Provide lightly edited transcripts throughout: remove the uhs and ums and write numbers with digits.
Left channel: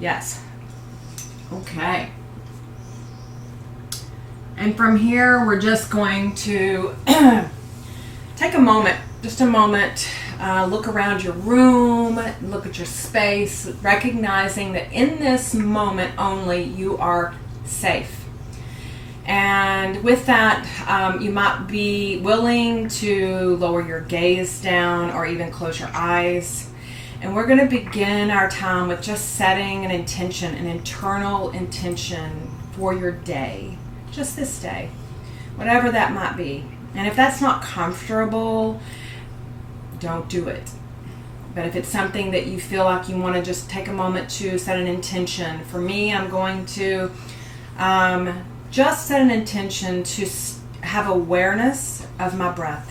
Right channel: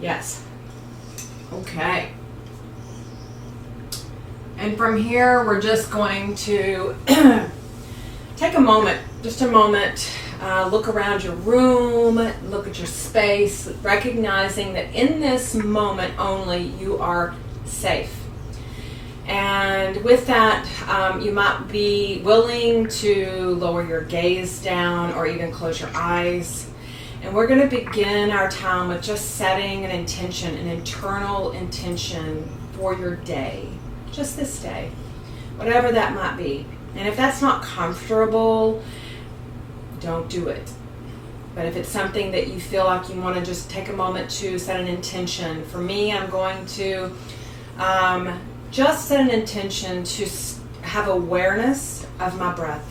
Yes. Okay. And from here, we're just going to take a moment, just a moment, look around your room, look at your space, recognizing that in this moment only you are safe. And with that, you might be willing to lower your gaze down or even close your eyes. And we're going to begin our time with just setting an intention, an internal intention for your day. Just this day, whatever that might be. And if that's not comfortable, don't do it. But if it's something that you feel like you want to just take a moment to set an intention, for me, I'm going to just set an intention to have awareness of my breath.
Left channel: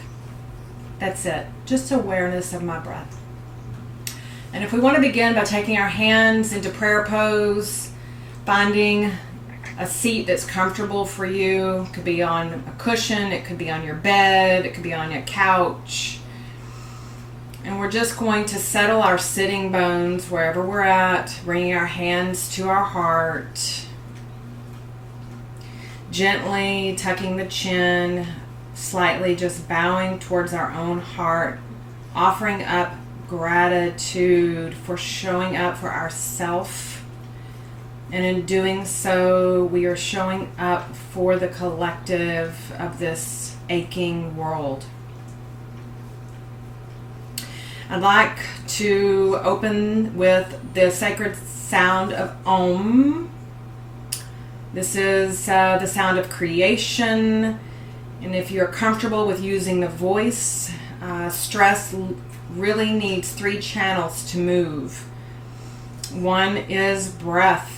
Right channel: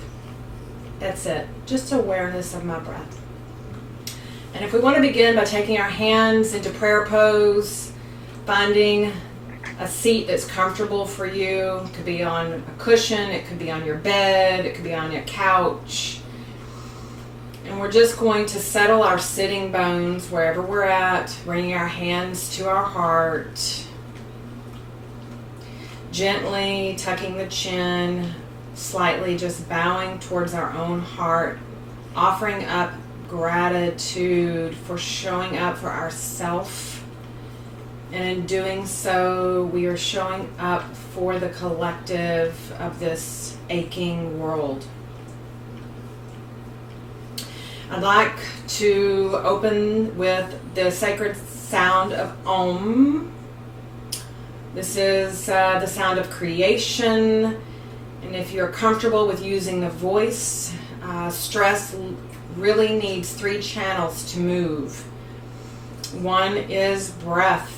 That's it. Just awareness of my breath. And if we want to begin by taking our hands into prayer pose, finding a seat that's comfortable for you. It could be on a cushion, it could be on your bed, it could be on your couch. And we're just going to settle our sitting bones wherever we're at, bringing our hands to our heart. Gently tucking the chin, slightly just bowing towards our own heart, offering up gratitude for showing up for ourselves. And in doing so, we are showing up for the collective of this aching world. I'd like to open with the sacred sound of Om. This is the sound of creation. And if you're comfortable with using the voice, stress really needs 3 channels to move. One is breath.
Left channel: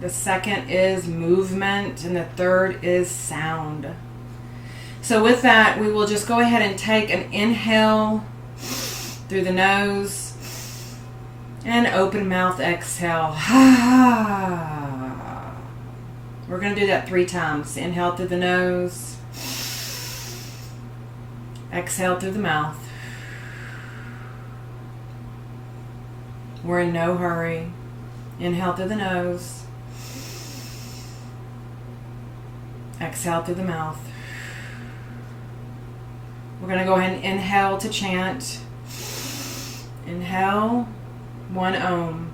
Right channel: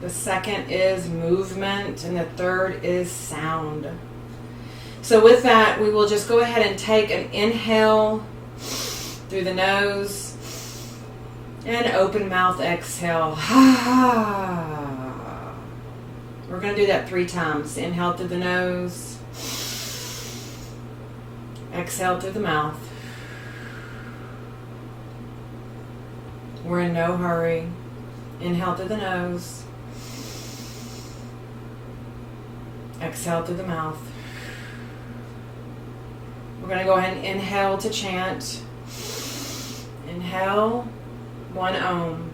The second is movement, and the third is sound. So with that, we will just go ahead and take an inhale through the nose and open mouth exhale. We're going to do that 3 times. Inhale through the nose, exhale through the mouth. We're in no hurry. Inhale through the nose. Exhale through the mouth. We're going to go ahead and inhale to chant. Inhale, 1 Om.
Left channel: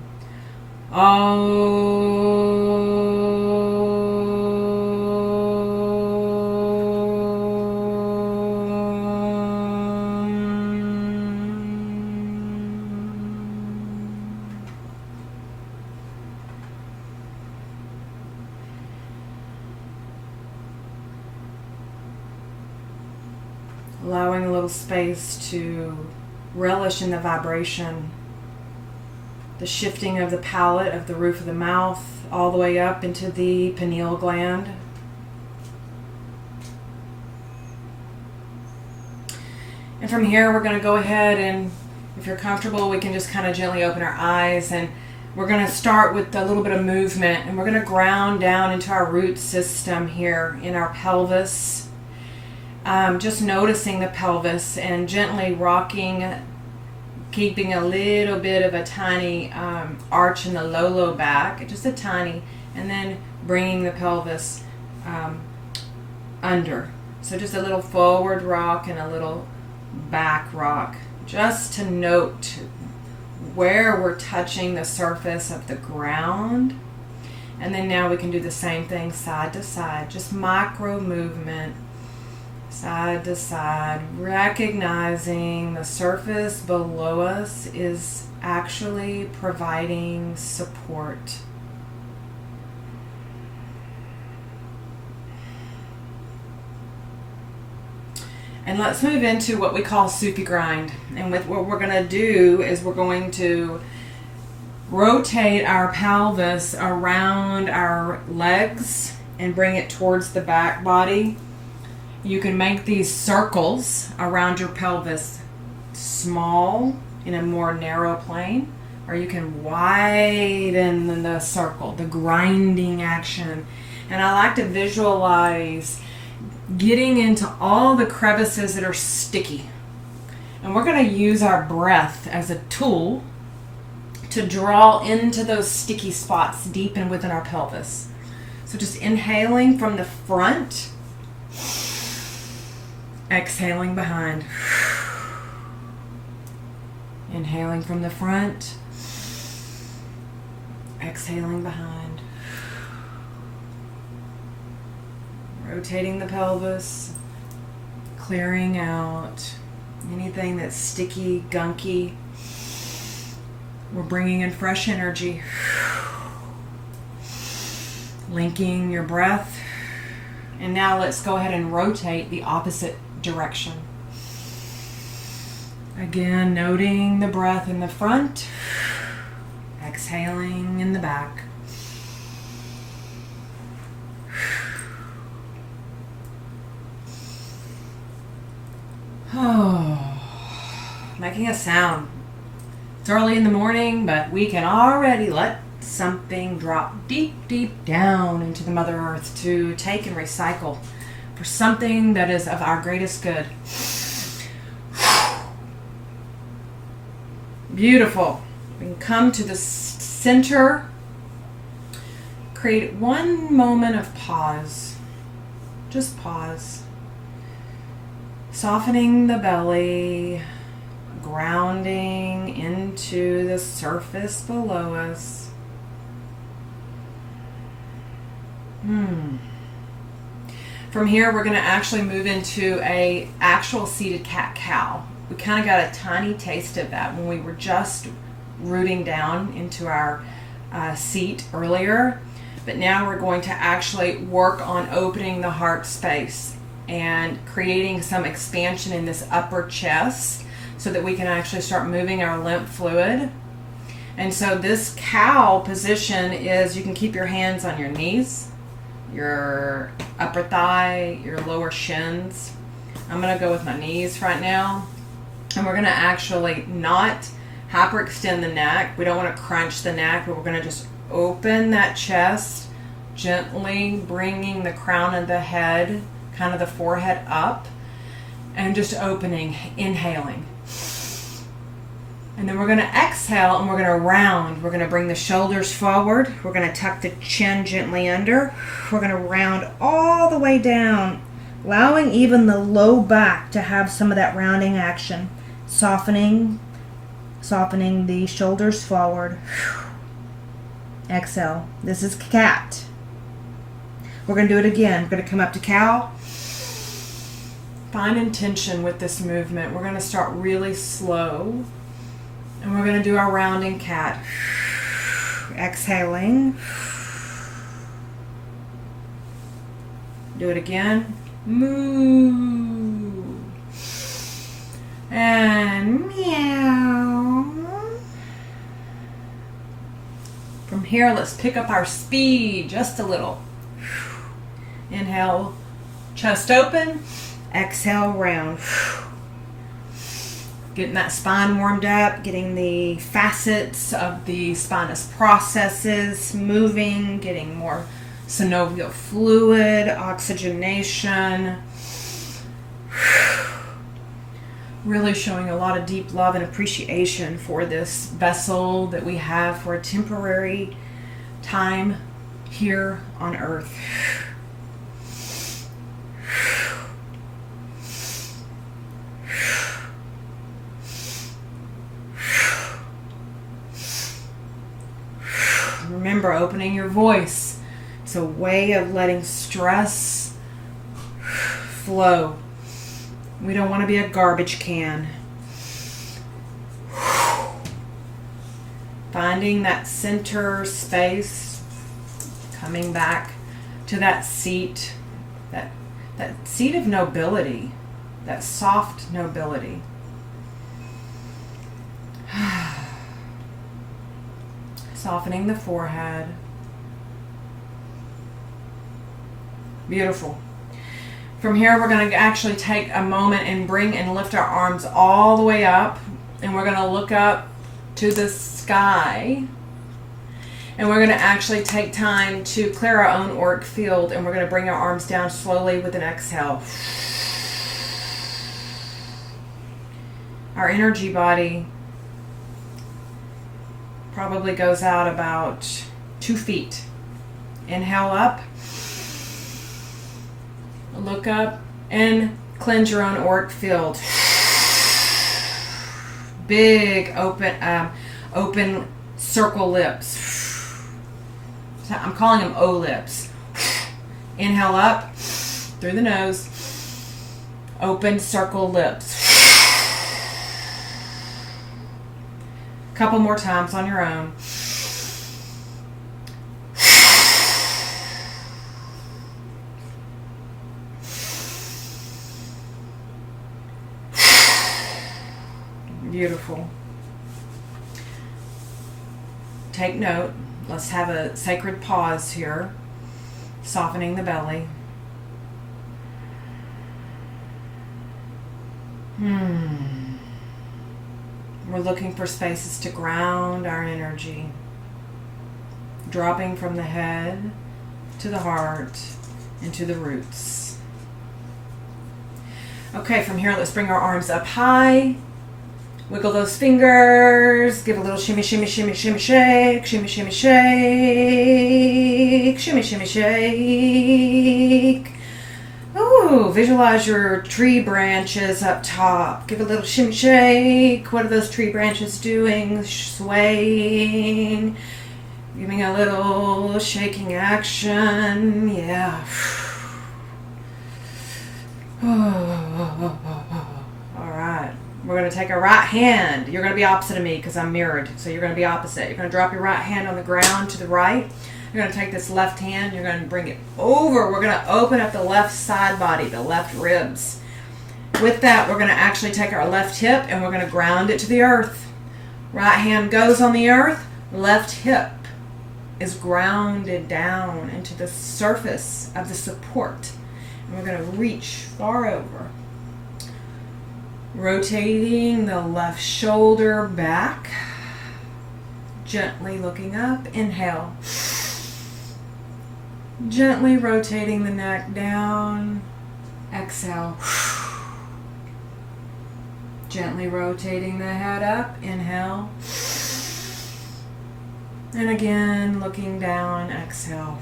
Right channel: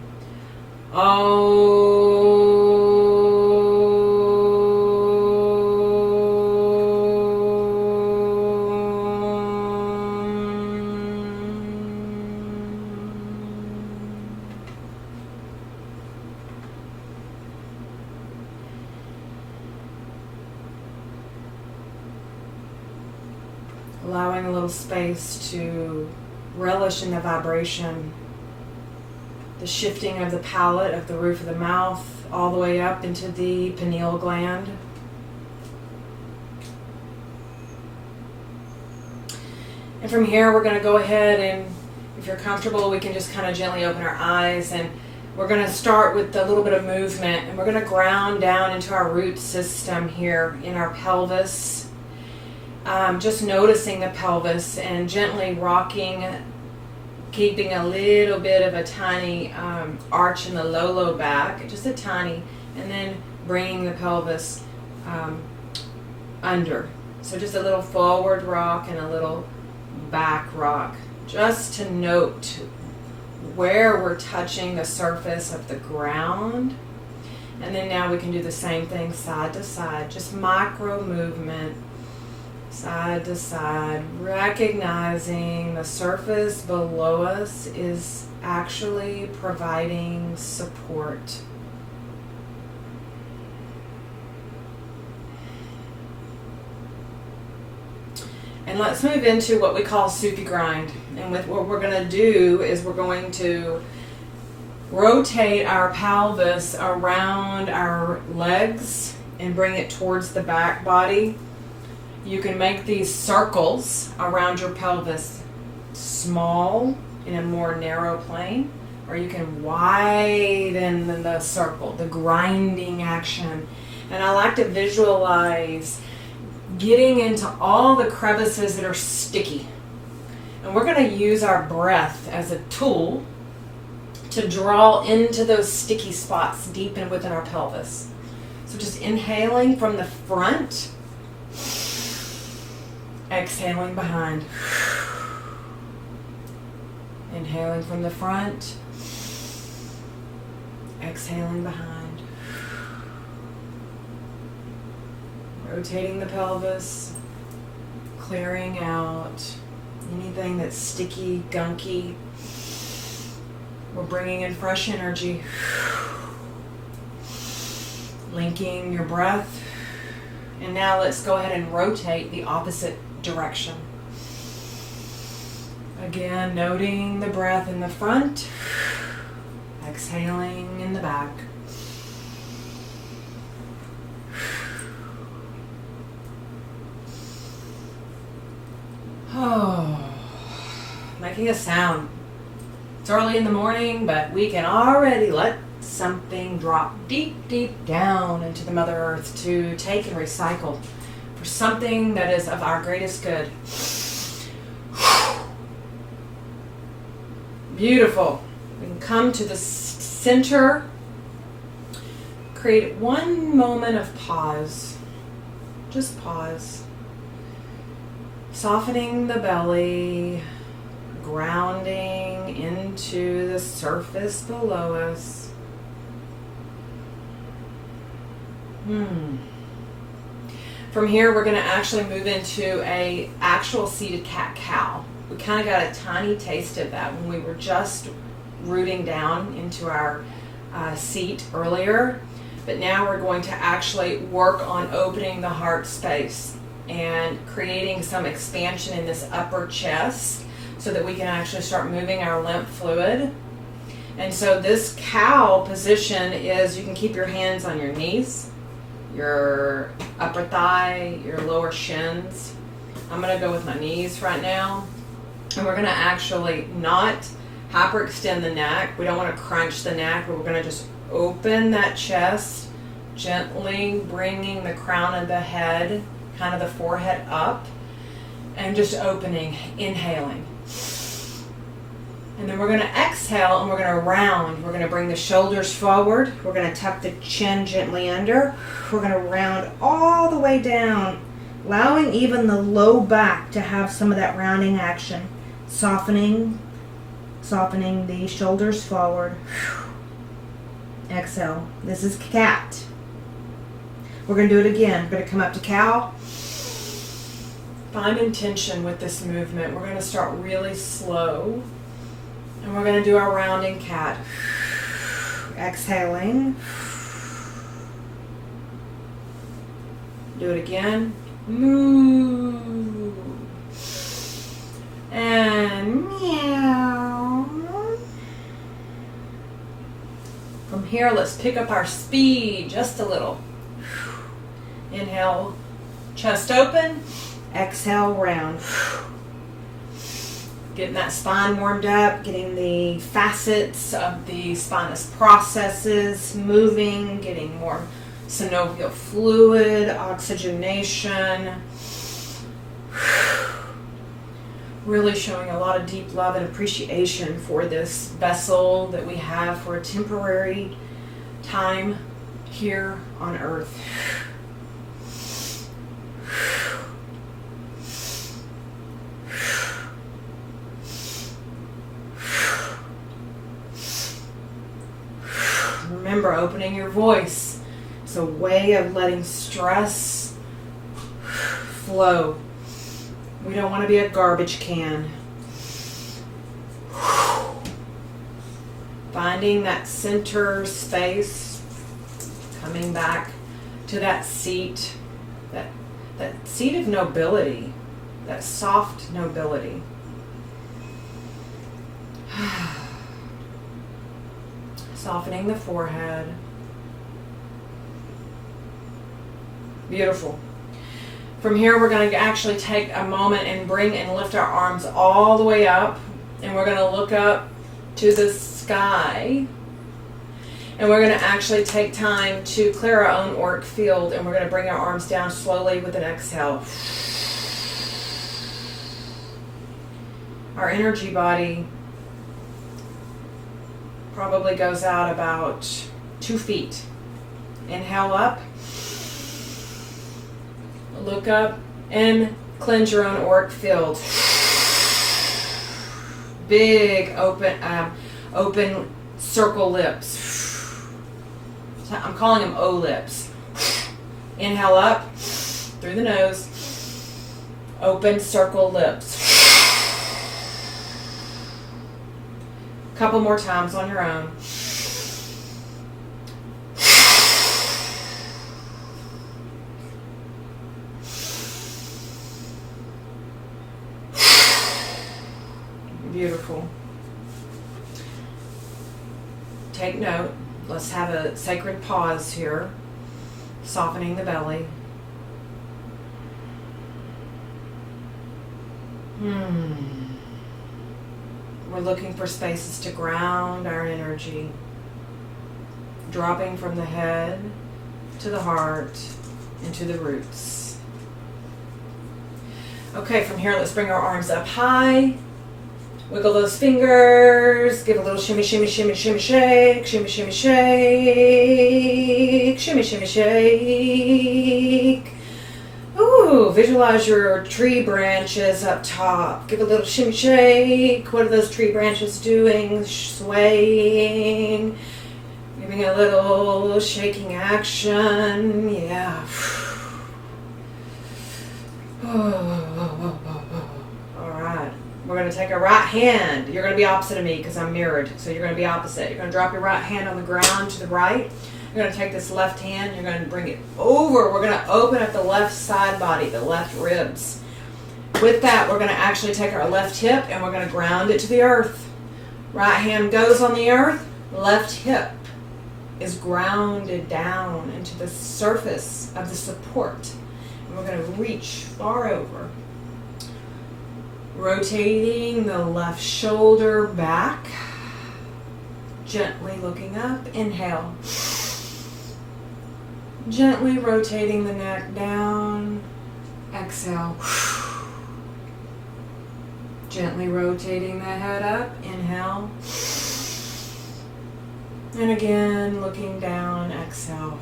Allowing a little space to relish in the vibration, the shifting of the palate, of the roof of the mouth, all the way up into the pineal gland. And from here, we're going to go ahead and, if you're comfortable, we can just kind of gently open our eyes, and we're going to start with a little bit of movement, and we're going to ground down into our root system here in our pelvis. Just noticing the pelvis and gently rocking, keeping a little bit of a tiny arch in the low back, just a tiny, and then bringing the pelvis under. So just a little forward rock and a little back rock, just to note where we're touching the surface of the ground. And then now we can do the same thing side to side, just micro movement. Side to side, recognizing the surface below us is actually providing support. And let's move into what we call soupy grind. And what we're going to do is we're going to rotate our pelvis around our legs and bring it towards the back body. You can make these circles around your pelvis small in a more narrow plane, or you can widen the circle, the grinding action. And I like to visualize getting into all the crevices that are sticky. And we're going to use our breath as a tool to draw into those sticky spots deep in within our pelvis. So just inhaling from the front, exhaling behind. Inhaling from the front, exhaling behind. Rotating the pelvis, clearing out anything that's sticky, gunky. We're bringing in fresh energy. Linking your breath. And now let's go ahead and rotate the opposite direction. Again, noting the breath in the front, exhaling in the back. Oh, making a sound. It's early in the morning, but we can already let something drop deep, deep down into the Mother Earth to take and recycle for something that is of our greatest good. Beautiful. We can come to the center. Create one moment of pause. Just pause. Softening the belly, grounding into the surface below us. From here, we're going to actually move into a actual seated cat-cow. We kind of got a tiny taste of that when we were just rooting down into our seat earlier. But now we're going to actually work on opening the heart space and creating some expansion in this upper chest so that we can actually start moving our lymph fluid. And so this cow position is, you can keep your hands on your knees, your upper thigh, your lower shins. I'm going to go with my knees right now. And we're going to actually not hyperextend the neck. We don't want to crunch the neck, but we're going to just open that chest, gently bringing the crown of the head, kind of the forehead up, and just opening, inhaling. And then we're going to exhale and we're going to round. We're going to bring the shoulders forward. We're going to tuck the chin gently under. We're going to round all the way down, allowing even the low back to have some of that rounding action. Softening the shoulders forward. Exhale. This is cat. We're going to do it again. We're going to come up to cow. Find intention with this movement. We're going to start really slow. And we're going to do our rounding cat. Exhaling. Do it again. Moo. And meow. From here, let's pick up our speed just a little. Inhale, chest open. Exhale, round. Getting that spine warmed up, getting the facets of the spinous processes moving, getting more synovial fluid, oxygenation. Really showing a lot of deep love and appreciation for this vessel that we have for a temporary time here on Earth. Remember, opening your voice. It's a way of letting stress flow. We don't want to be a garbage can. Finding that center space, coming back to that seat, that seat of nobility, that soft nobility. Softening the forehead. Beautiful. From here, we're going to actually take a moment and bring and lift our arms all the way up. And we're going to look up to the sky. And we're going to actually take time to clear our own auric field. And we're going to bring our arms down slowly with an exhale. Our energy body probably goes out about 2 feet. Inhale up. Look up and cleanse your own auric field. Big open circle lips. I'm calling them O lips. Inhale up through the nose. Open circle lips. Couple more times on your own. Beautiful. Take note. Let's have a sacred pause here. Softening the belly. We're looking for spaces to ground our energy. Dropping from the head to the heart into the roots. Okay, from here, let's bring our arms up high. Wiggle those fingers. Give a little shimmy, shimmy, shimmy, shimmy, shake. Shimmy, shimmy, shake. Shimmy, shimmy, shake. Ooh, visualize your tree branches up top. Give a little shimmy, shake. What are those tree branches doing? Swaying. Giving a little shaking action. Yeah. All right. We're going to take our right hand. You're going to be opposite of me because I'm mirrored. So you're going to be opposite. You're going to drop your right hand on the ground to the right. You're going to take this left hand. You're going to bring it over. We're going to open up the left side body, the left ribs. With that, we're going to actually take our left hip and we're going to ground it to the earth. Right hand goes on the earth. Left hip is grounded down into the surface of the support. And we're going to reach far over. Rotating the left shoulder back. Gently looking up. Inhale. Gently rotating the neck down. Exhale. Gently rotating the head up. Inhale. And again, looking down. Exhale.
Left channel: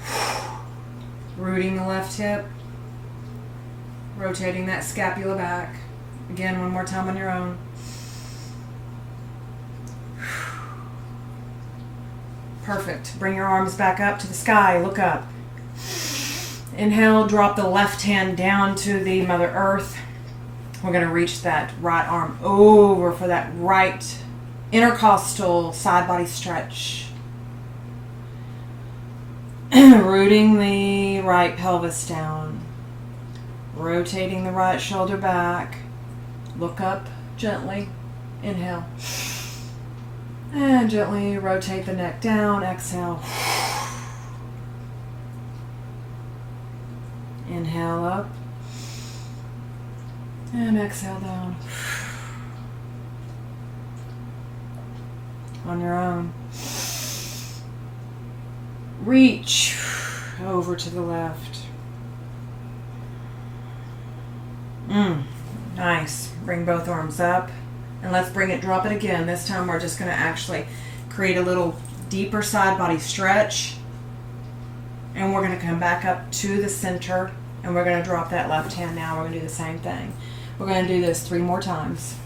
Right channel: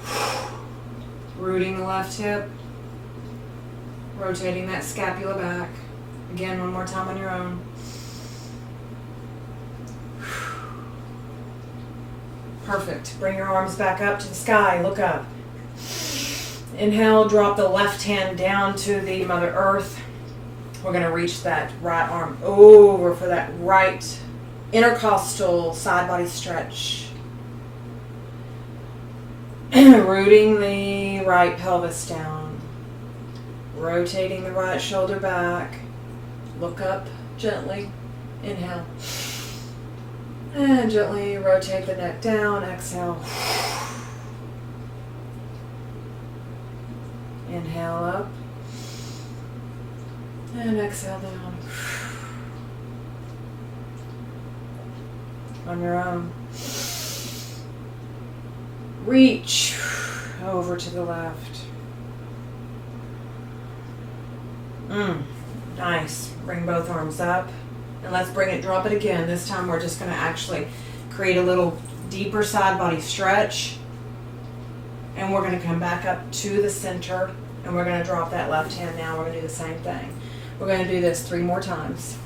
Rooting the left hip. Rotating that scapula back. Again, one more time on your own. Perfect. Bring your arms back up to the sky. Look up. Inhale, drop the left hand down to the Mother Earth. We're going to reach that right arm over for that right intercostal side body stretch. Rooting the right pelvis down. Rotating the right shoulder back. Look up gently. Inhale. And gently rotate the neck down. Exhale. Inhale up. And exhale down. On your own. Reach over to the left. Nice. Bring both arms up. And let's bring it, drop it again. This time we're just going to actually create a little deeper side body stretch. And we're going to come back up to the center. And we're going to drop that left hand now. We're going to do the same thing. We're going to do this 3 more times.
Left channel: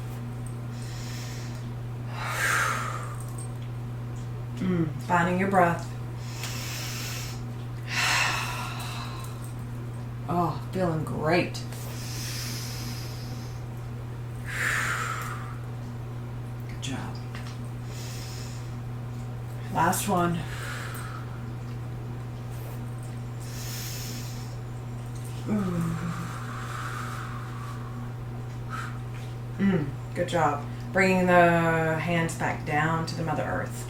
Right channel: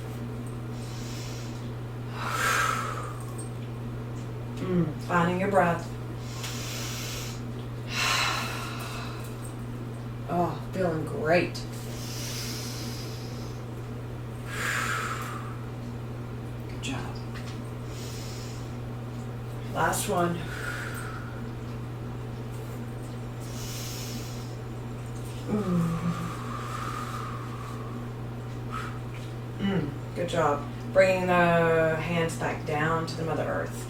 Finding your breath. Oh, feeling great. Good job. Last one. Good job. Bringing the hands back down to the Mother Earth.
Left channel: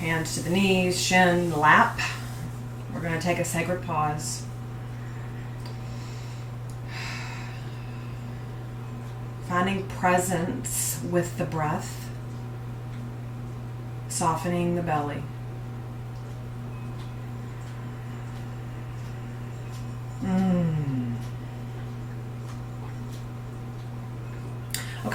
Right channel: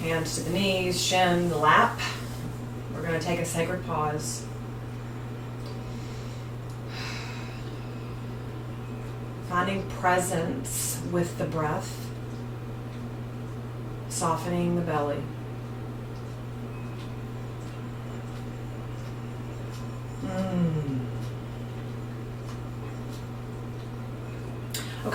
Hands to the knees, shin, lap. We're going to take a sacred pause. Finding presence with the breath. Softening the belly.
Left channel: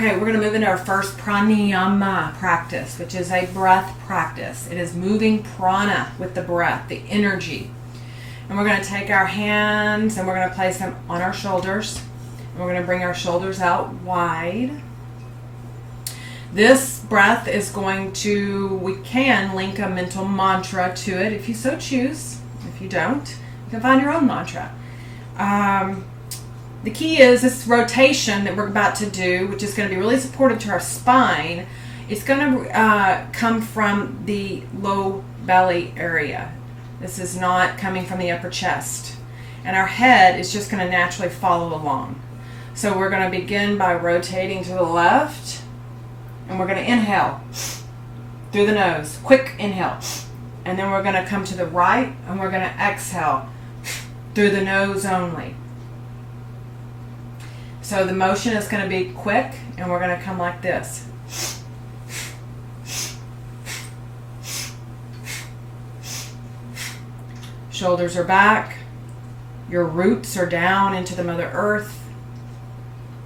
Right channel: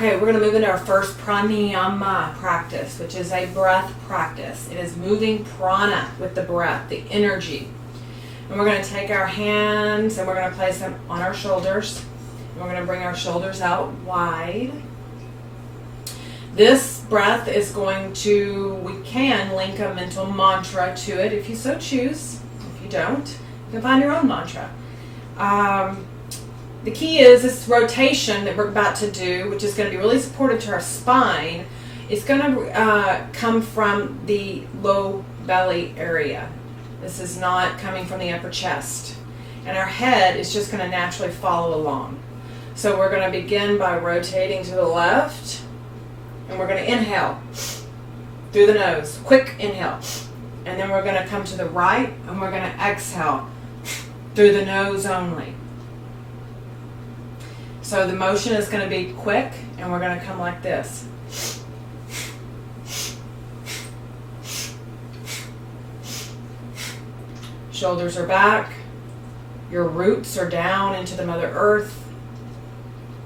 Okay, we're going to move into our first pranayama practice, which is a breath practice. It is moving prana with the breath, the energy. And we're going to take our hands and we're going to place them on our shoulders. And we're going to bring our shoulders out wide. This breath is going to, we can link a mental mantra to it if you so choose. If you don't, you can find your own mantra. The key is this rotation that we're about to do, which is going to be really supportive to our spine. It's going to come from the low belly area. This is not coming from the upper chest. And our head is just going to naturally follow along. So we're going to begin by rotating to the left. And we're going to inhale through the nose. Quick inhale. And then we're going to come to the right and we're going to exhale through the nose only. So the motion is going to be quick, and we're going to come like this. Shoulders are back. Your roots are down into the Mother Earth.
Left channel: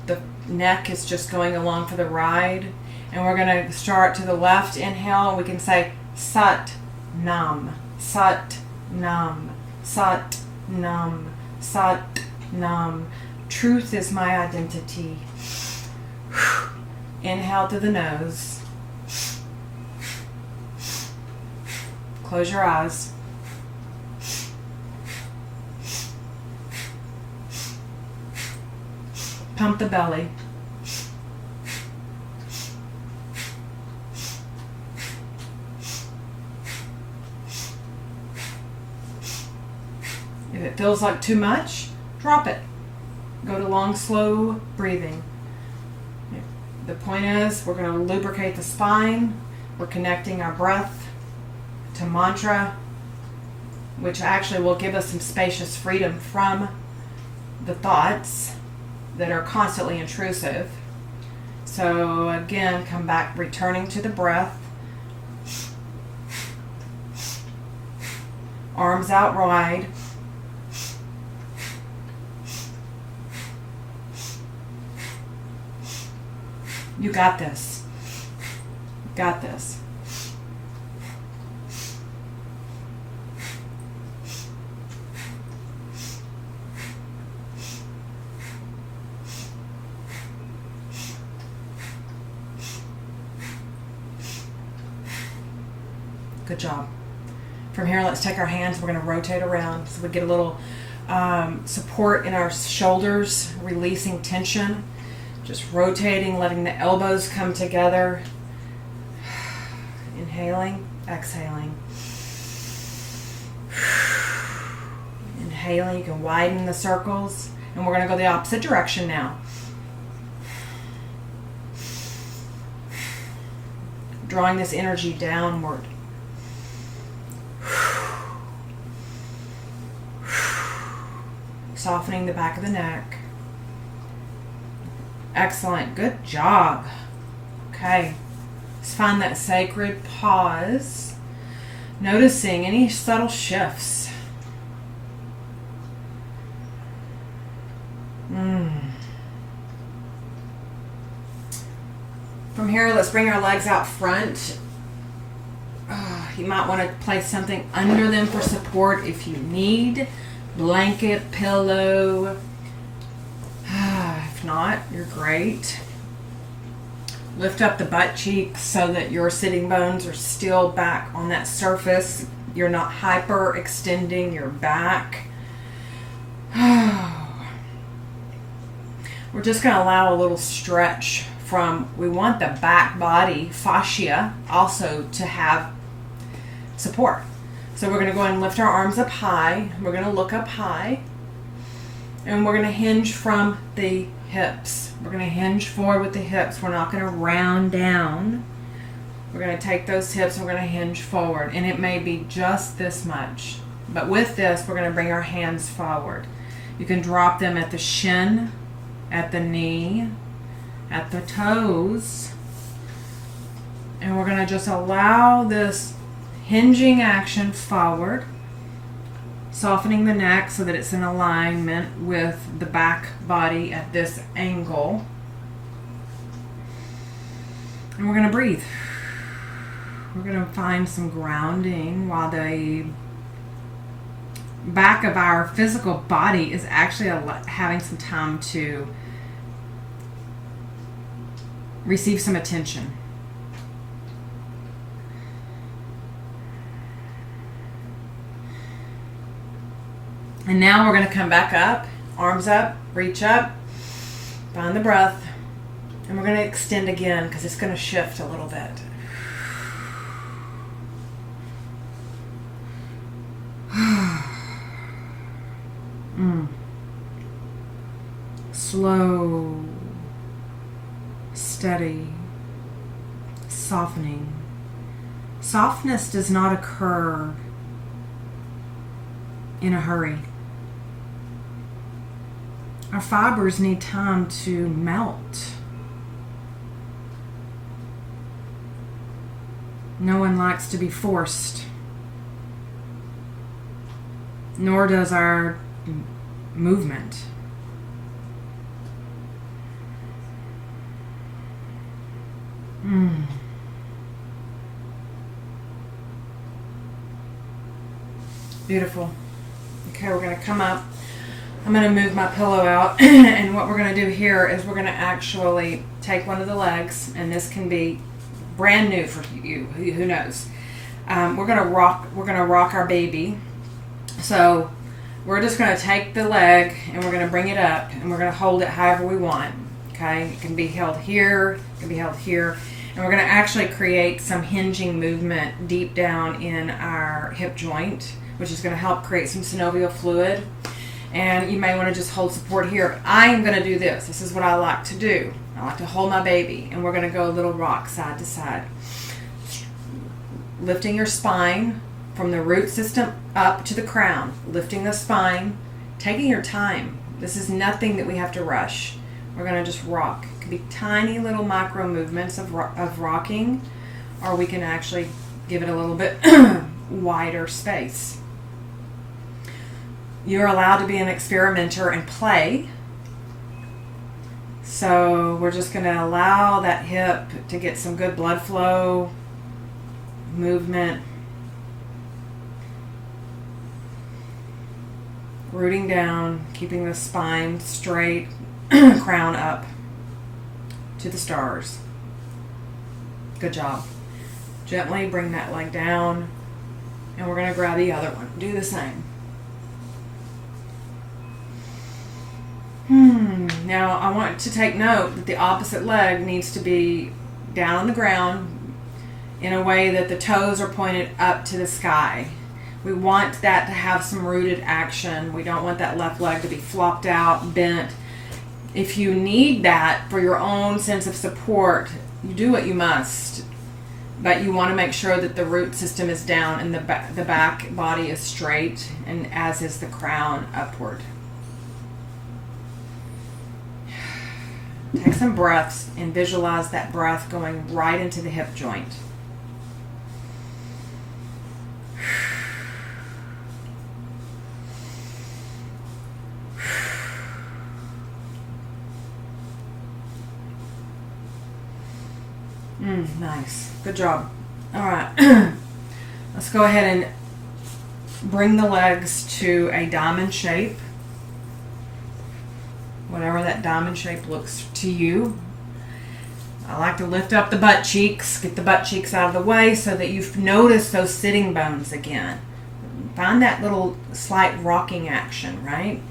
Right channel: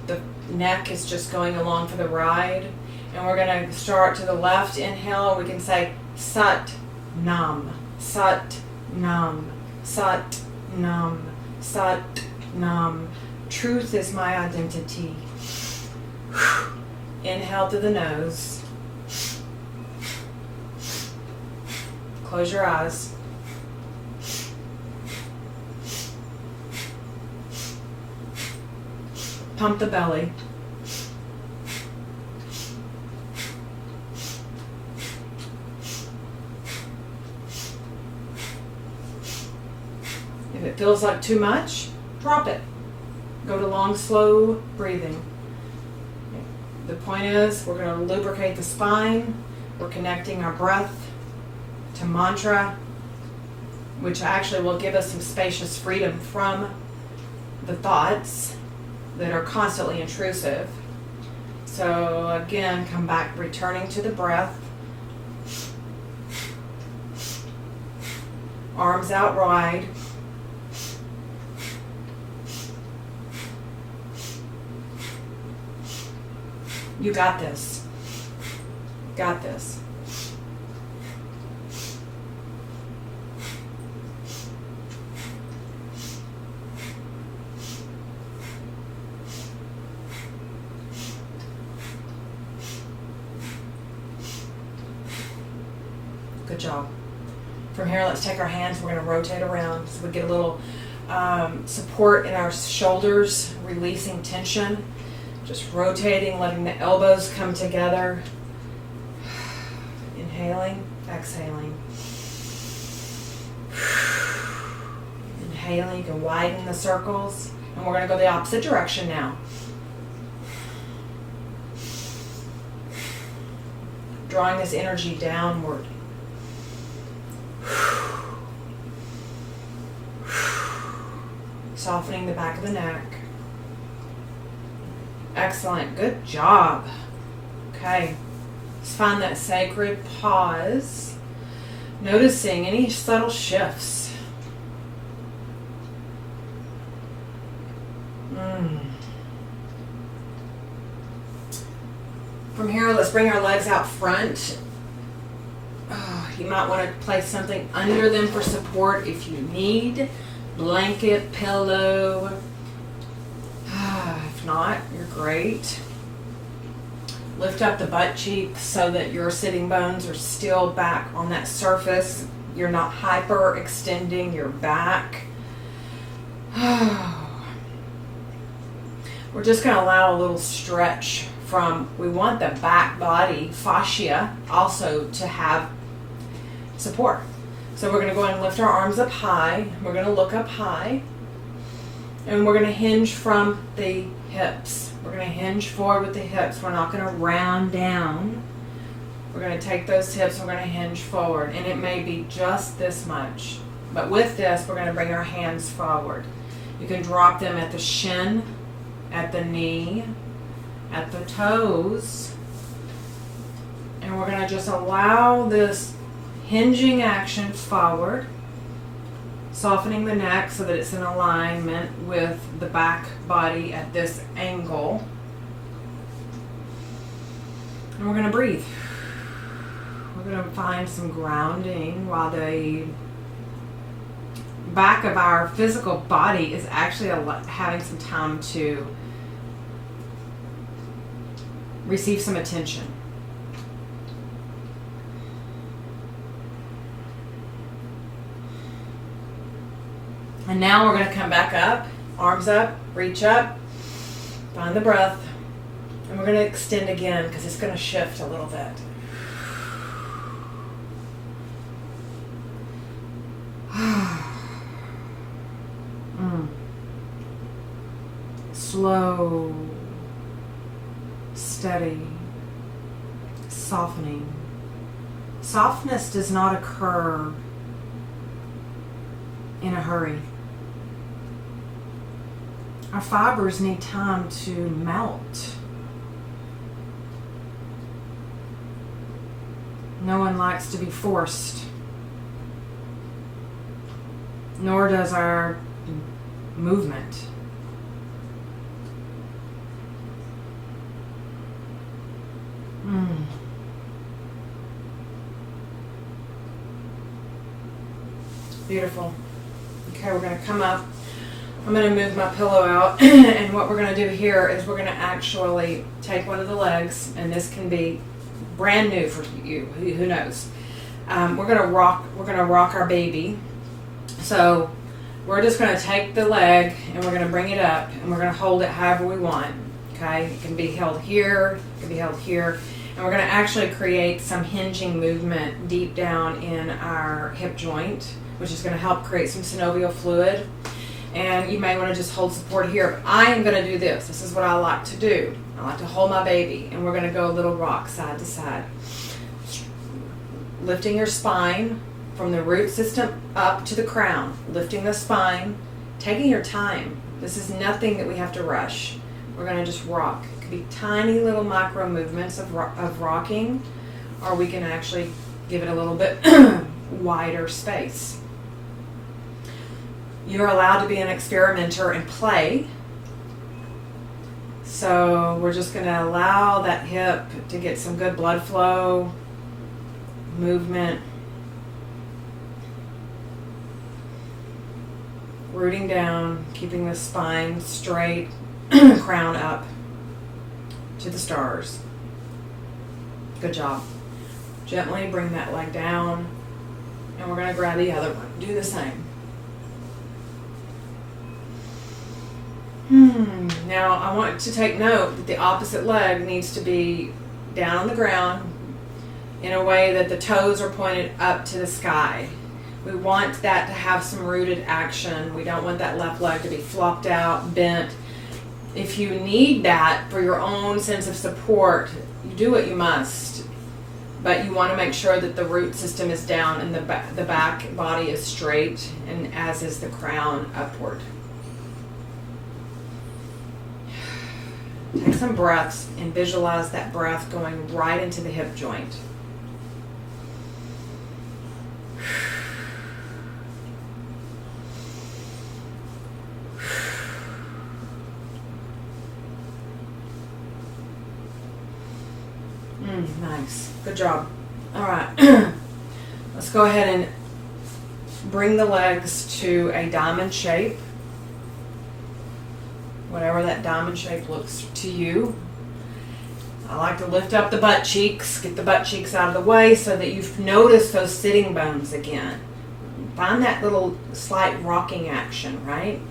The neck is just going along for the ride. And we're going to start to the left. Inhale. We can say Sat Nam, Sat Nam, Sat Nam, Sat Nam. Truth is my identity. Inhale through the nose. Close your eyes. Pump the belly. If it feels like too much, drop it. Go to long, slow breathing. The point is, we're going to lubricate the spine. We're connecting our breath to mantra, which actually will give us some spacious freedom from the thoughts that are constantly intrusive. So again, come back, returning to the breath. Arms out wide. You got this. Got this. Good job. From here, let's take our hands. We're going to rotate around so we get a little support in our shoulders, releasing tension. Just rotating, letting the elbows come together. Inhaling, exhaling. Inhaling, you can widen the circles. And we're going to go the opposite direction now. Drawing this energy downward. Softening the back of the neck. Excellent. Good job. Okay. Let's find that sacred pause. Noticing any subtle shifts. From here, let's bring our legs out front. You might want to place something under them for support if you need. Blanket, pillow. If not, you're great. Lift up the butt cheeks so that your sitting bones are still back on that surface. You're not hyper extending your back. We're just going to allow a little stretch from, we want the back body fascia also to have support. So we're going to go ahead and lift our arms up high. We're going to look up high. And we're going to hinge from the hips. We're going to hinge forward with the hips. We're not going to round down. We're going to take those hips and we're going to hinge forward. And it may be just this much. But with this, we're going to bring our hands forward. You can drop them at the shin, at the knee, at the toes. And we're going to just allow this hinging action forward, softening the neck so that it's in alignment with the back body at this angle. And we're going to breathe. We're going to find some grounding while the back of our physical body is actually having some time to receive some attention. And now we're going to come back up, arms up, reach up, find the breath, and we're going to extend again because it's going to shift a little bit. Slow, steady, softening. Softness does not occur in a hurry. Our fibers need time to melt. No one likes to be forced, nor does our movement. Beautiful. Okay, we're going to come up. I'm going to move my pillow out, and what we're going to do here is we're going to actually take one of the legs, and this can be brand new for you. Who knows? We're going to rock our baby. So we're just going to take the leg, and we're going to bring it up, and we're going to hold it however we want. Okay, it can be held here, it can be held here, and we're going to actually create some hinging movement deep down in our hip joint, which is going to help create some synovial fluid. And you may want to just hold support here. But I am going to do this. This is what I like to do. I like to hold my baby. And we're going to go a little rock side to side. Lifting your spine from the root system up to the crown. Lifting the spine. Taking your time. This is nothing that we have to rush. We're going to just rock. It could be tiny little micro movements of rocking. Or we can actually give it a little bit wider space. You're allowed to be an experimenter and play. So we're just going to allow that hip to get some good blood flow, movement, rooting down, keeping the spine straight, crown up to the stars. Good job. Gently bring that leg down, and we're going to grab the other one. Do the same. Now I want to take note that the opposite leg needs to be down on the ground in a way that the toes are pointed up to the sky. We want that to have some rooted action. We don't want that left leg to be flopped out, bent. If you need that for your own sense of support, you do what you must. But you want to make sure that the root system is down and the back body is straight, and as is the crown upward. Take some breaths and visualize that breath going right into the hip joint. Nice. Good job. All right. Let's go ahead and bring the legs to a diamond shape. Whatever that diamond shape looks to you. I like to lift up the butt cheeks, get the butt cheeks out of the way so that you've noticed those sitting bones again. Find that little slight rocking action, right?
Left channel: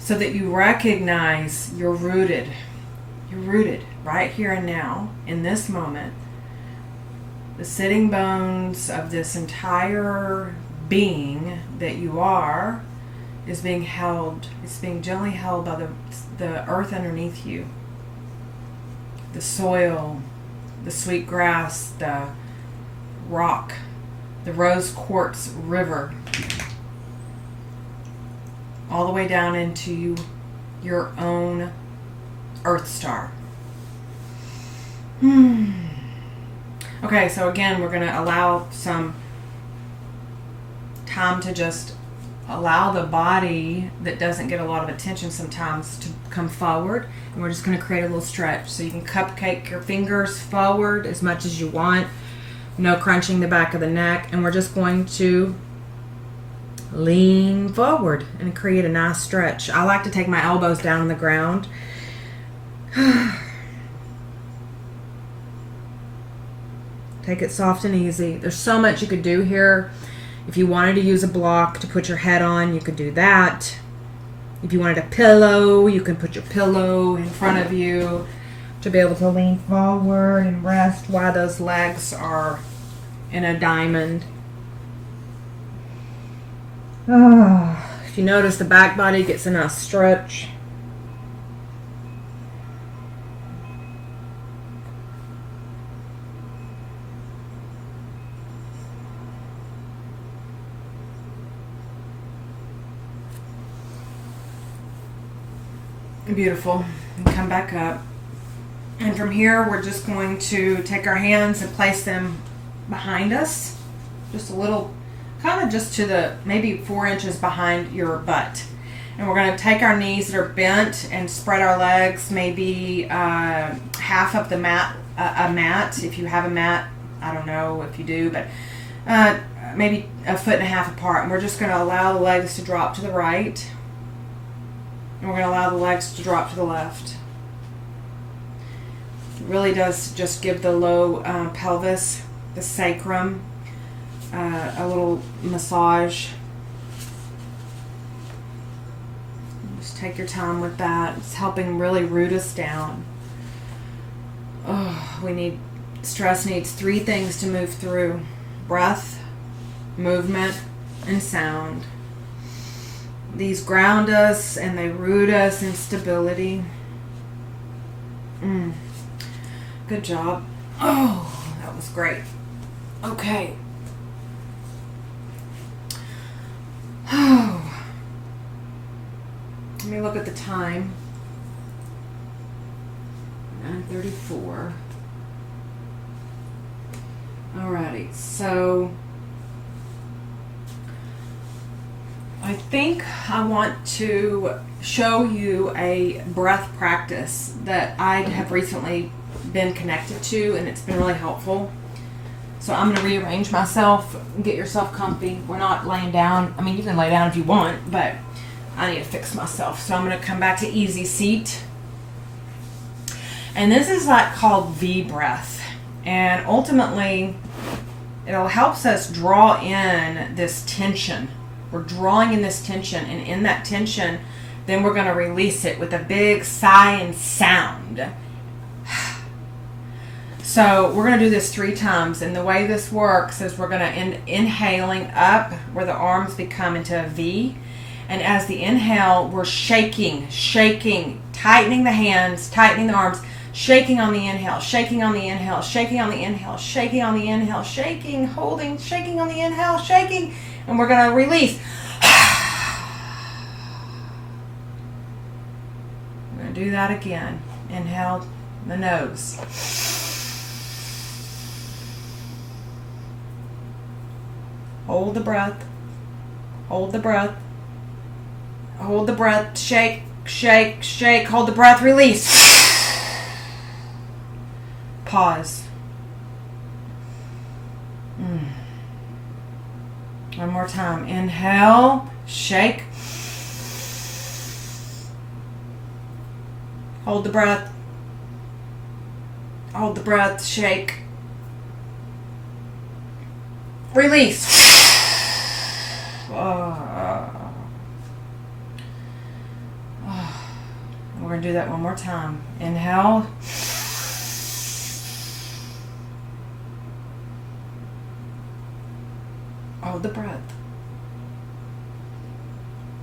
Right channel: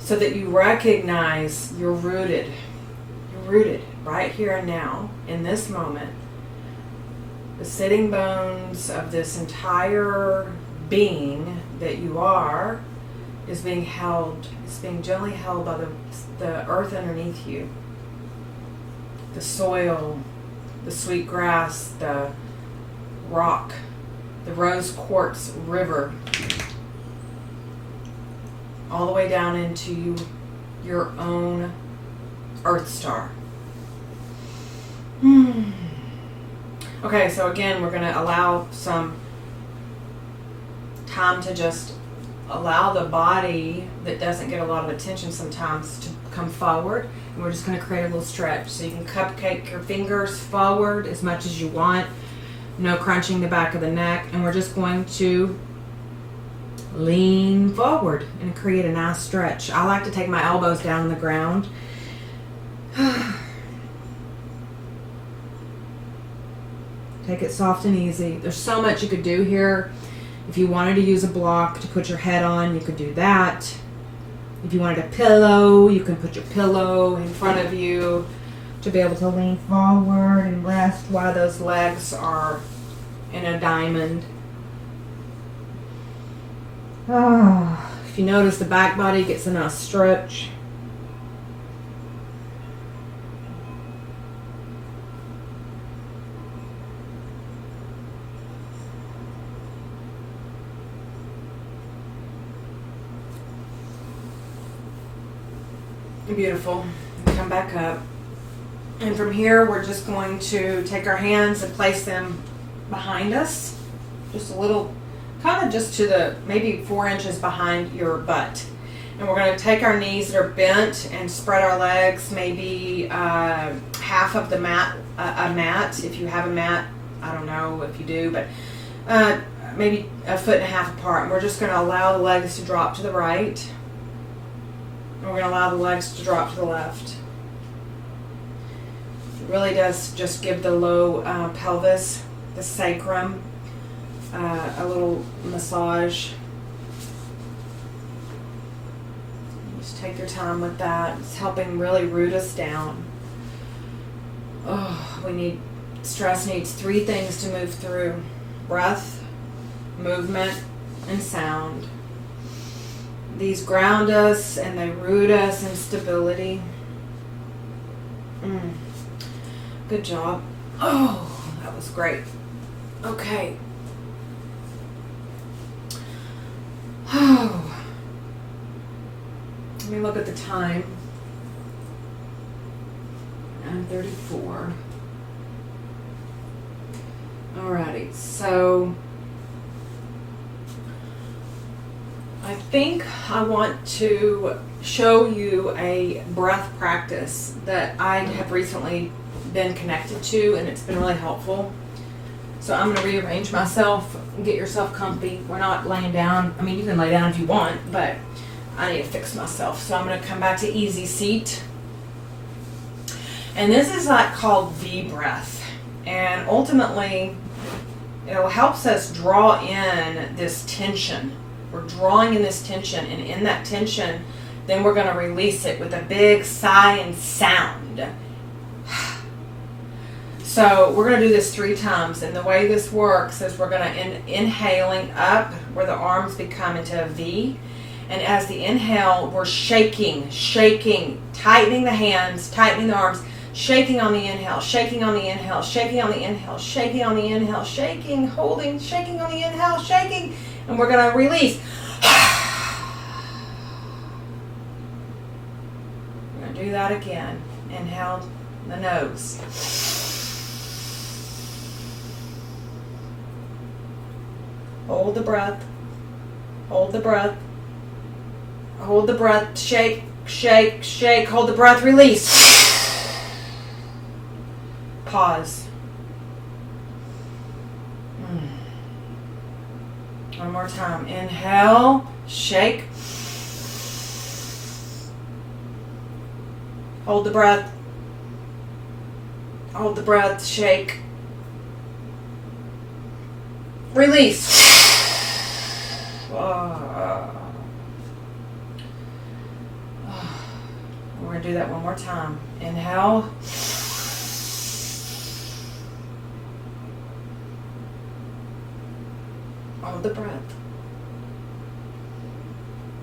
So that you recognize you're rooted. You're rooted right here and now in this moment. The sitting bones of this entire being that you are is being held, it's being gently held by the earth underneath you. The soil, the sweet grass, the rock, the rose quartz river, all the way down into your own earth star. Okay, so again, we're going to allow some time to just allow the body that doesn't get a lot of attention sometimes to come forward. And we're just going to create a little stretch. So you can cupcake your fingers forward as much as you want. No crunching the back of the neck. And we're just going to lean forward and create a nice stretch. I like to take my elbows down on the ground. Take it soft and easy. There's so much you could do here. If you wanted to use a block to put your head on, you could do that. If you wanted a pillow, you can put your pillow in front of you to be able to lean forward and rest while those legs are in a diamond. If you notice, the back body gets a nice stretch. Beautiful. And come back up. And from here, we're just going to take our hands and place them behind us. Just a little, kind of just to the, maybe 4 inches behind your butt. And we're going to take our knees that are bent and spread our legs maybe half of the mat, a mat. If you have a mat, I don't know if you do, but maybe 1.5 feet apart. And we're just going to allow the legs to drop to the right. And we're going to allow the legs to drop to the left. It really does just give the low pelvis, the sacrum, a little massage. Just take your time with that. It's helping really root us down. Stress needs 3 things to move through: breath, movement, and sound. These ground us and they root us in stability. Good job. Oh, that was great. Okay. Oh. Let me look at the time. 9:34. Alrighty, so I think I want to show you a breath practice that I have recently been connected to, and it's been really helpful. So I'm going to rearrange myself. Get yourself comfy. We're not laying down. I mean, you can lay down if you want, but I need to fix myself. So I'm going to come back to easy seat. And this is like called V breath. And ultimately, it helps us draw in this tension. We're drawing in this tension, and in that tension, then we're going to release it with a big sigh and sound. So we're going to do this 3 times, and the way this works is we're going to inhaling up where the arms become into a V, and as the inhale, we're shaking, tightening the hands, tightening the arms, shaking on the inhale, shaking on the inhale, shaking on the inhale, shaking on the inhale, shaking, holding, shaking on the inhale, shaking, and we're going to release. We're going to do that again. Inhale the nose. Hold the breath. Hold the breath. Hold the breath. Shake, shake, shake. Hold the breath. Release. Pause. One more time. Inhale. Shake. Hold the breath. Hold the breath. Shake. Release. We're going to do that one more time. Inhale. Hold the breath.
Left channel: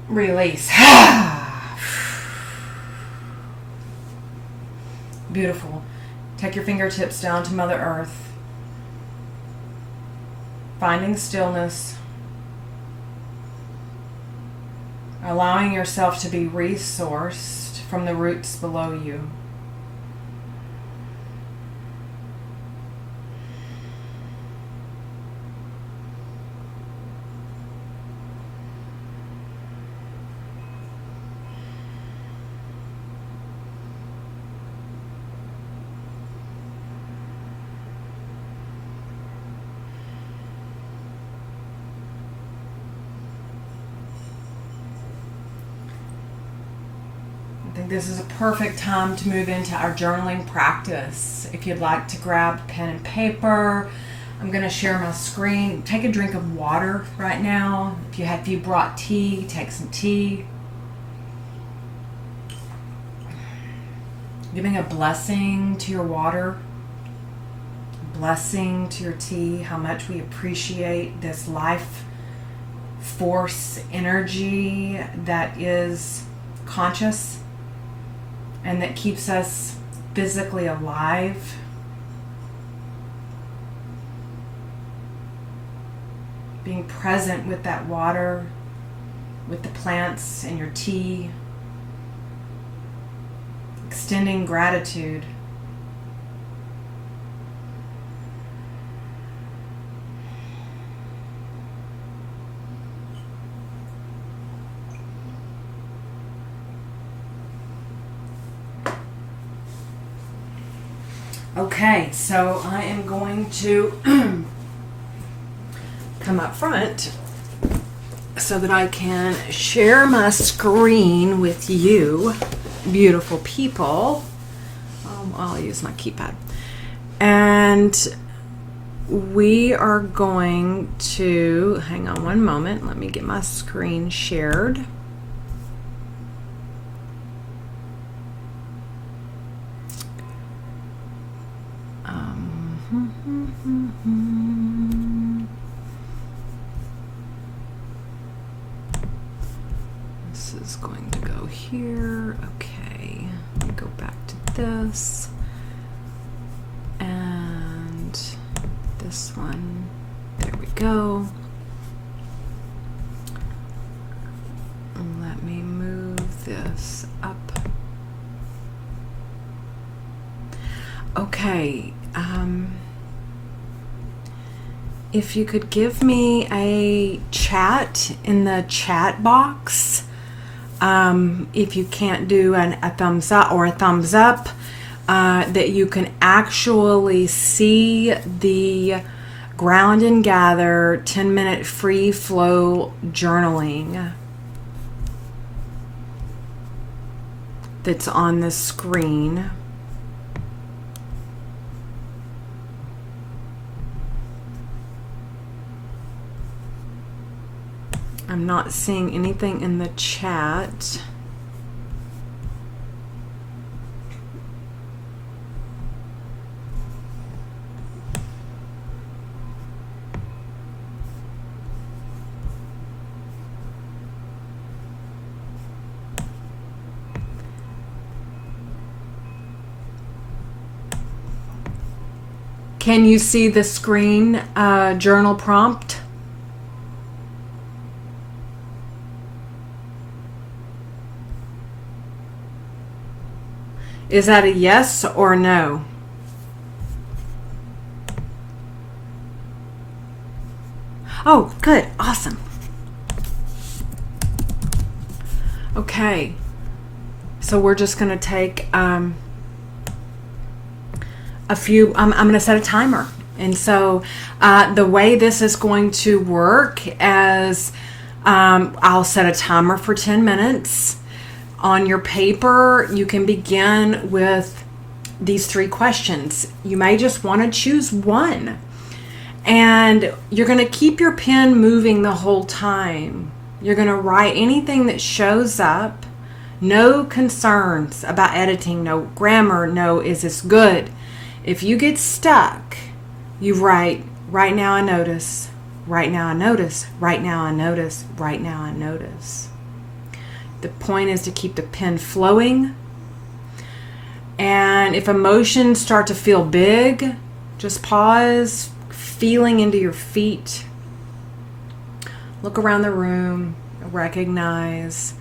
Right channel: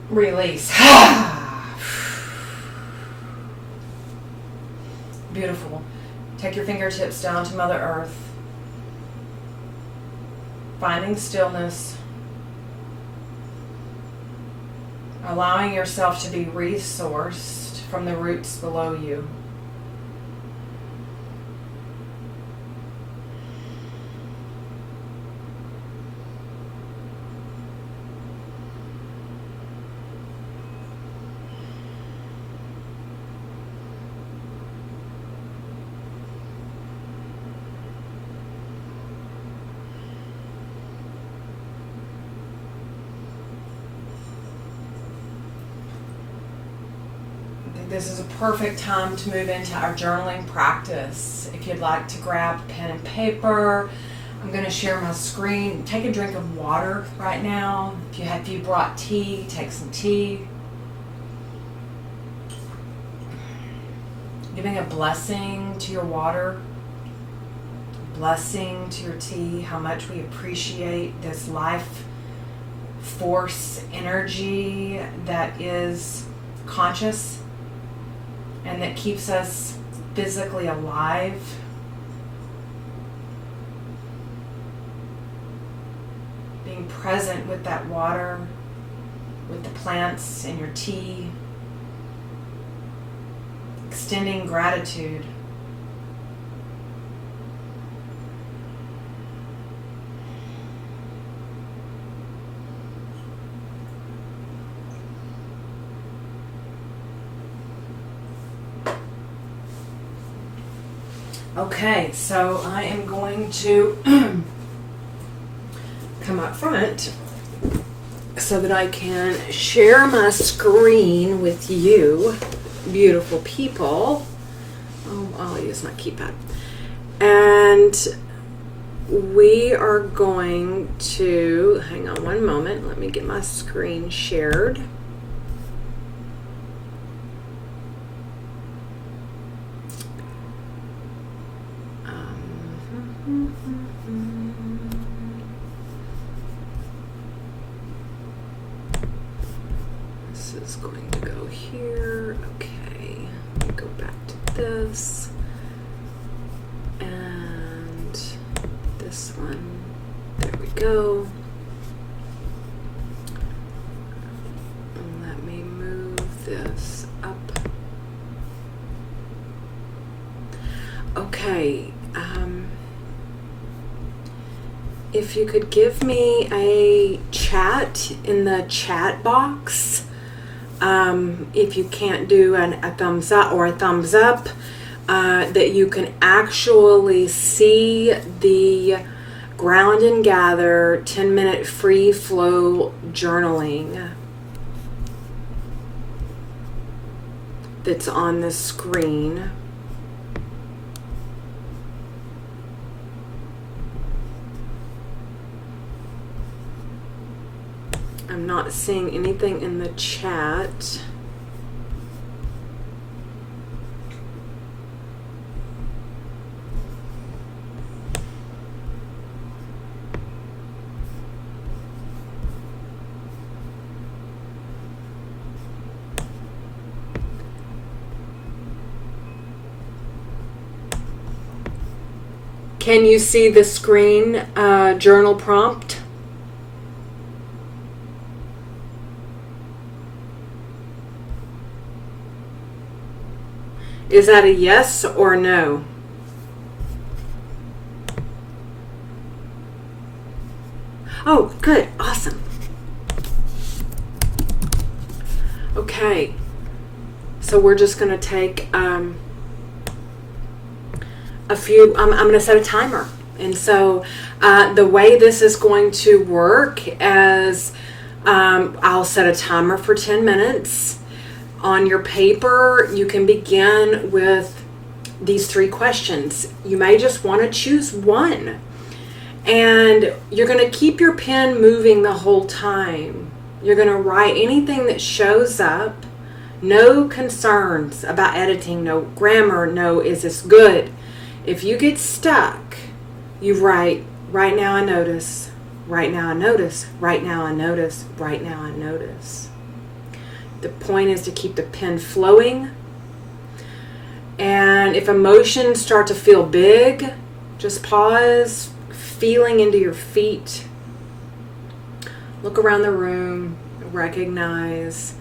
Release. Beautiful. Take your fingertips down to Mother Earth. Finding stillness. Allowing yourself to be resourced from the roots below you. this is a perfect time to move into our journaling practice. If you'd like to grab pen and paper, I'm going to share my screen. Take a drink of water right now. If you brought tea, take some tea. Giving a blessing to your water, blessing to your tea, how much we appreciate this life force energy that is conscious and that keeps us physically alive. Being present with that water, with the plants and your tea. Extending gratitude. Okay, so I am going to come up front so that I can share my screen with you, beautiful people. I'll use my keypad. And we are going to, hang on one moment, let me get my screen shared. This is going to go here. Okay, let me go back to this. And this one. There we go. And let me move this up. Okay. If you could give me a chat in the chat box, if you can't do a thumbs up or a thumbs up, that you can actually see the Ground and Gather 10-minute free flow journaling that's on the screen. I'm not seeing anything in the chat. Can you see the screen journal prompt? Is that a yes or no? Oh, good. Awesome. Okay. So we're just going to take a few, I'm going to set a timer. And so the way this is going to work is I'll set a timer for 10 minutes. On your paper, you can begin with these 3 questions. You may just want to choose one. And you're going to keep your pen moving the whole time. You're going to write anything that shows up. No concerns about editing, no grammar, no is this good. If you get stuck, you write, right now I notice, right now I notice, right now I notice, right now I notice. The point is to keep the pen flowing. And if emotions start to feel big, just pause, feeling into your feet. Look around the room, recognize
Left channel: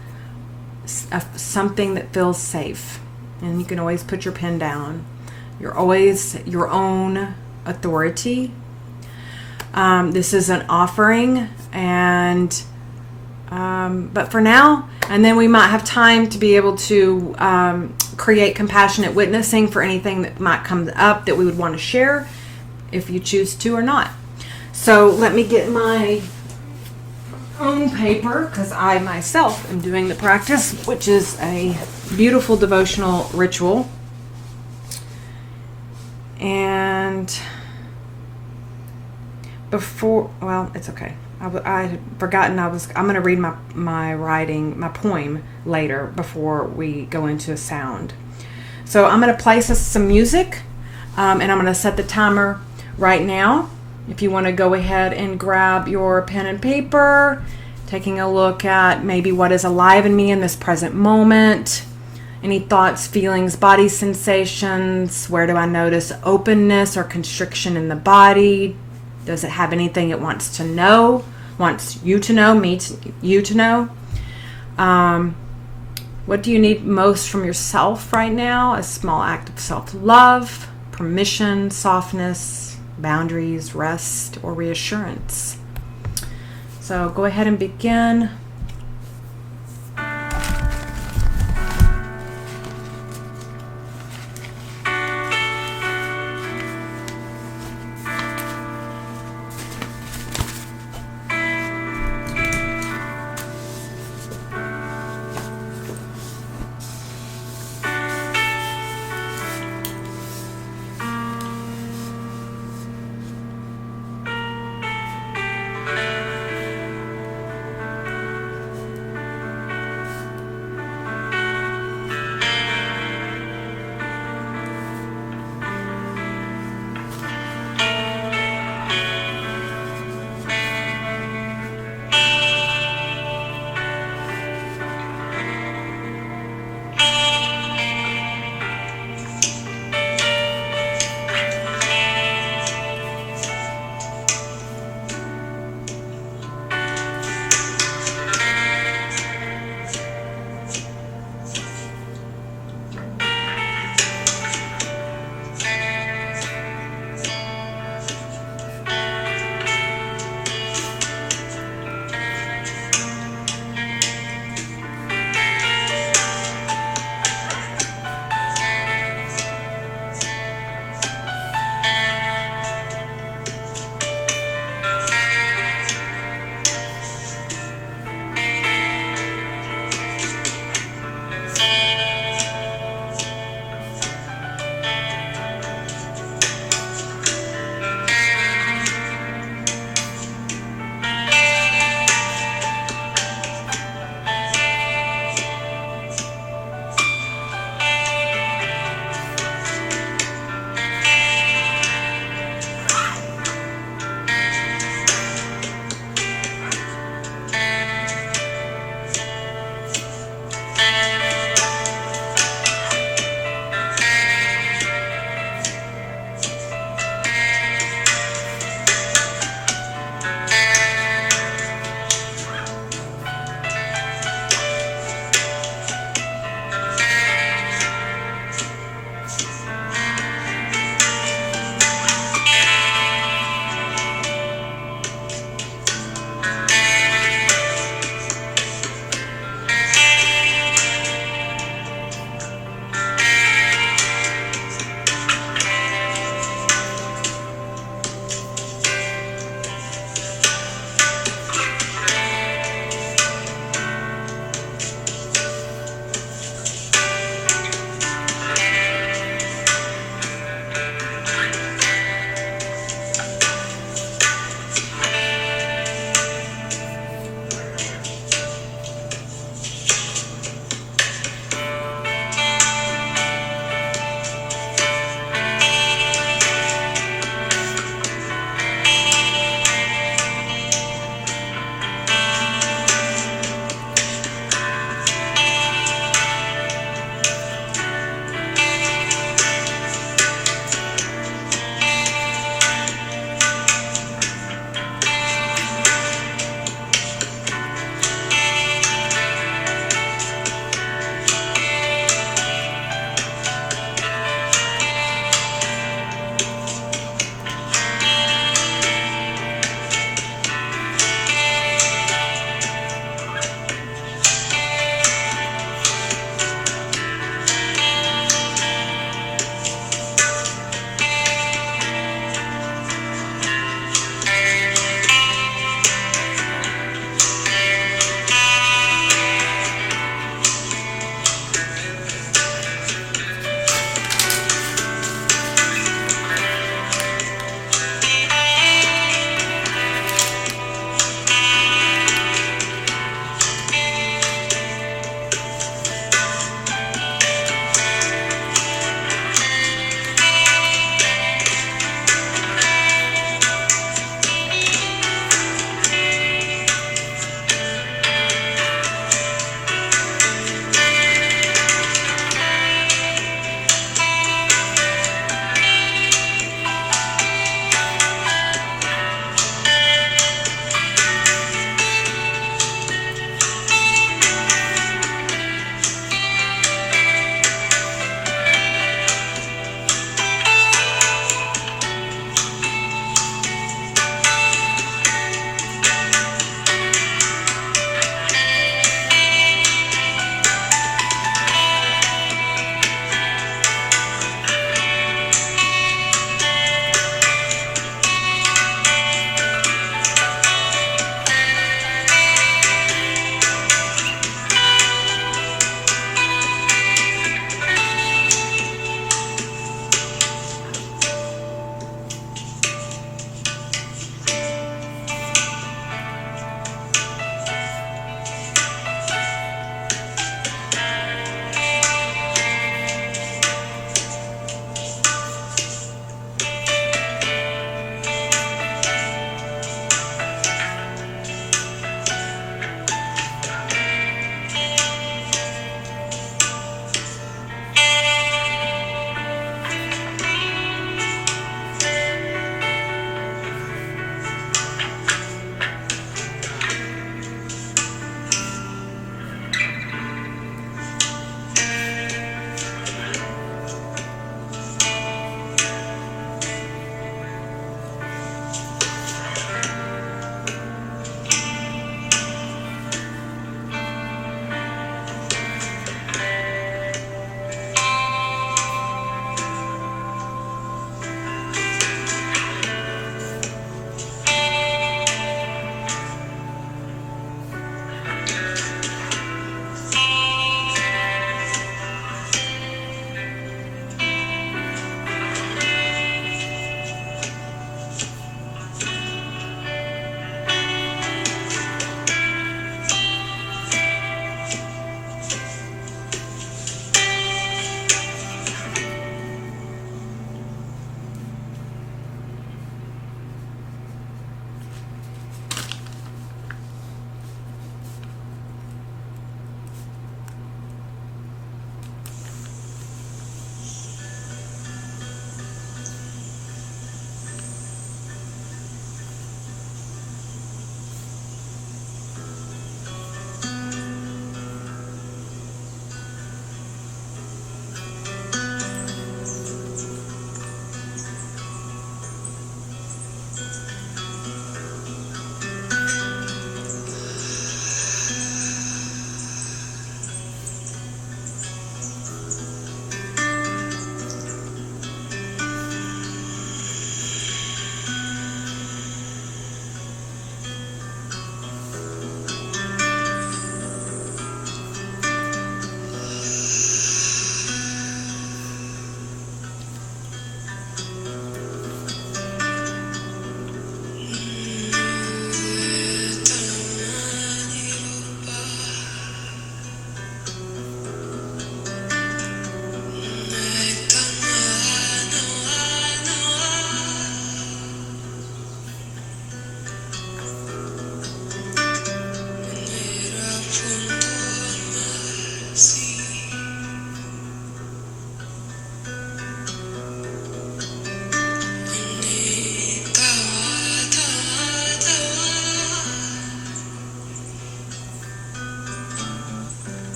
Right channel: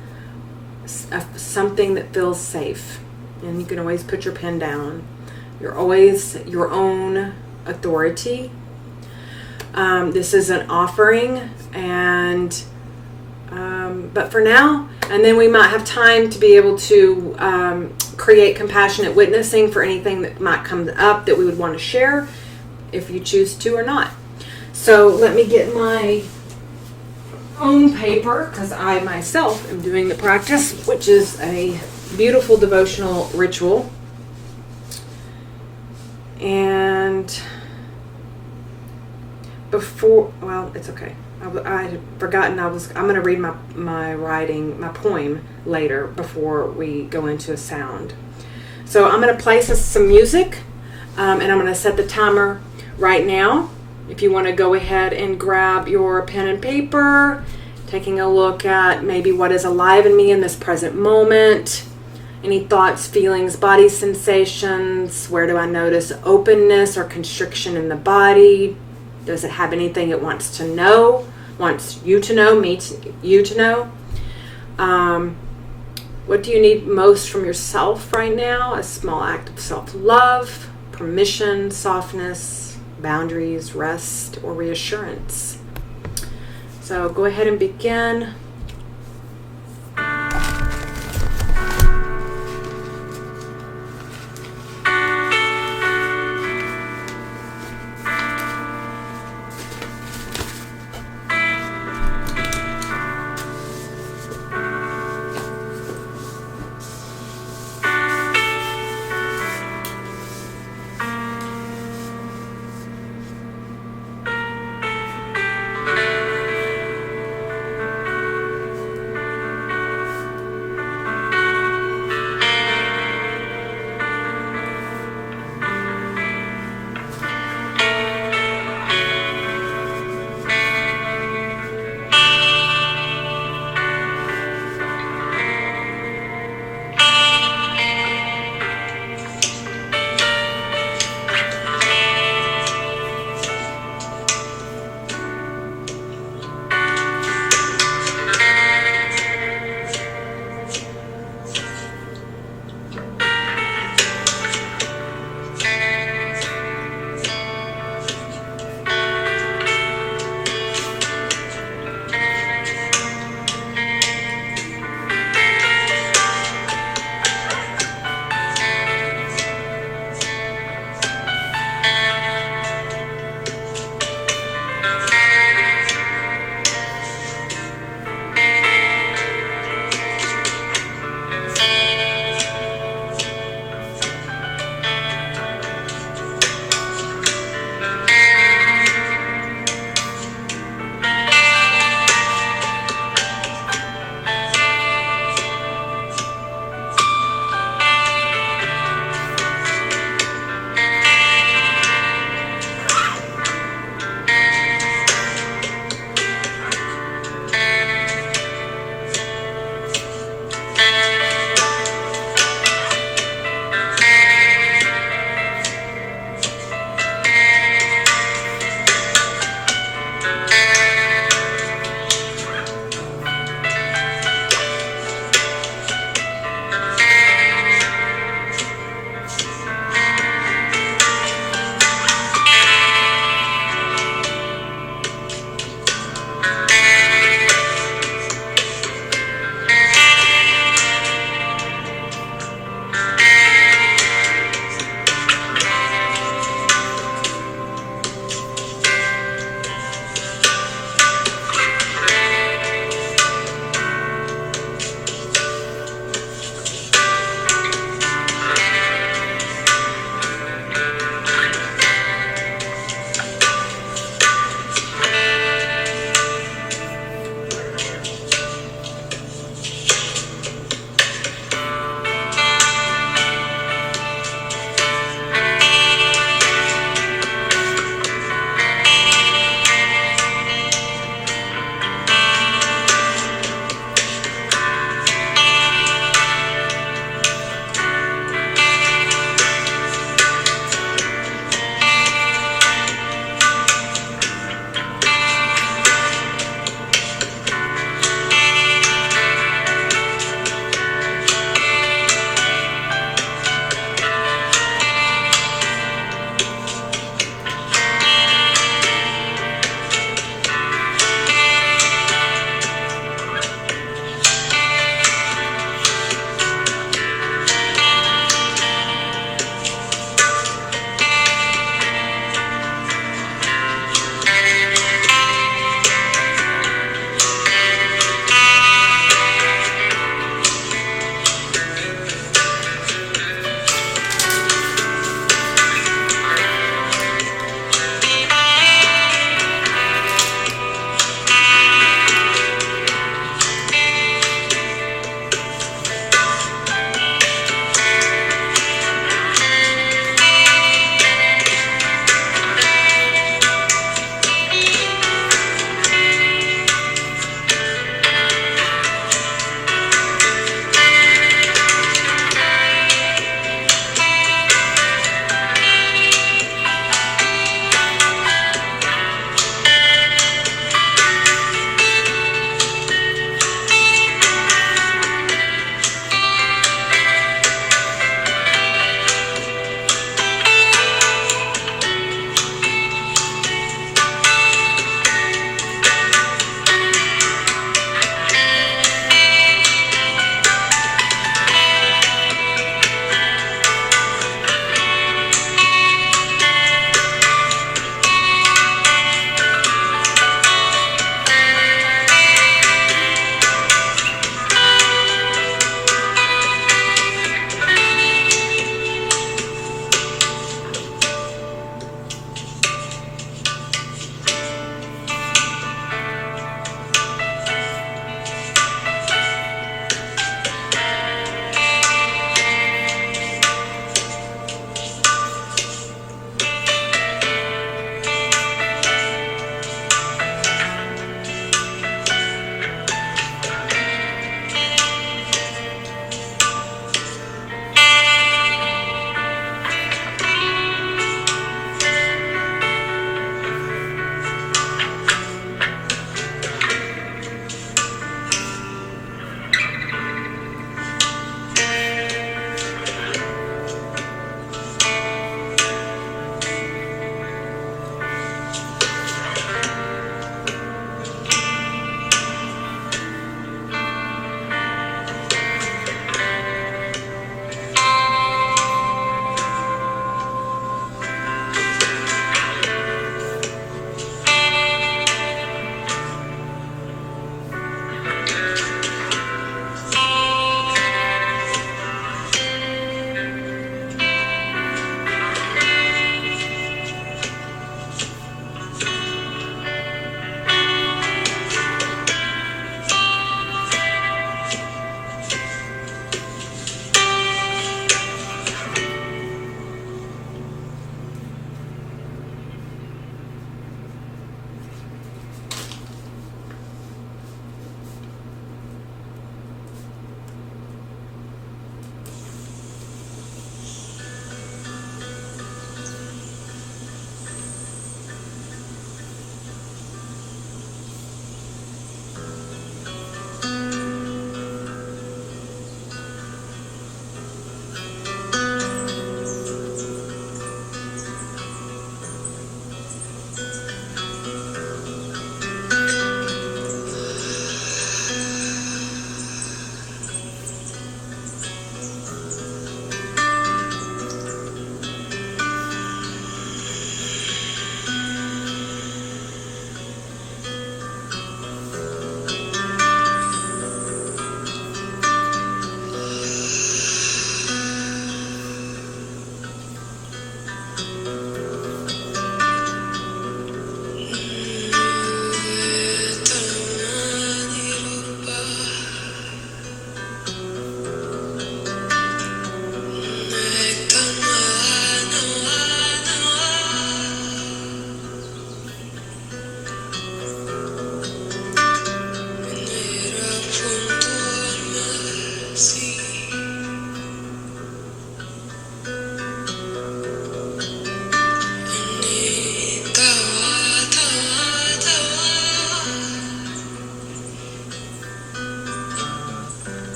something that feels safe. And you can always put your pen down. You're always your own authority. This is an offering, and but for now, and then we might have time to be able to create compassionate witnessing for anything that might come up that we would want to share, if you choose to or not. So let me get my own paper, because I myself am doing the practice, which is a beautiful devotional ritual. And before, well, it's okay. I had forgotten I'm going to read my writing, my poem later before we go into a sound. So I'm going to play some music, and I'm going to set the timer right now. If you want to go ahead and grab your pen and paper, taking a look at maybe what is alive in me in this present moment, any thoughts, feelings, body sensations, where do I notice openness or constriction in the body? Does it have anything it wants to know, wants you to know, you to know? What do you need most from yourself right now? A small act of self-love, permission, softness, boundaries, rest, or reassurance. So go ahead and begin.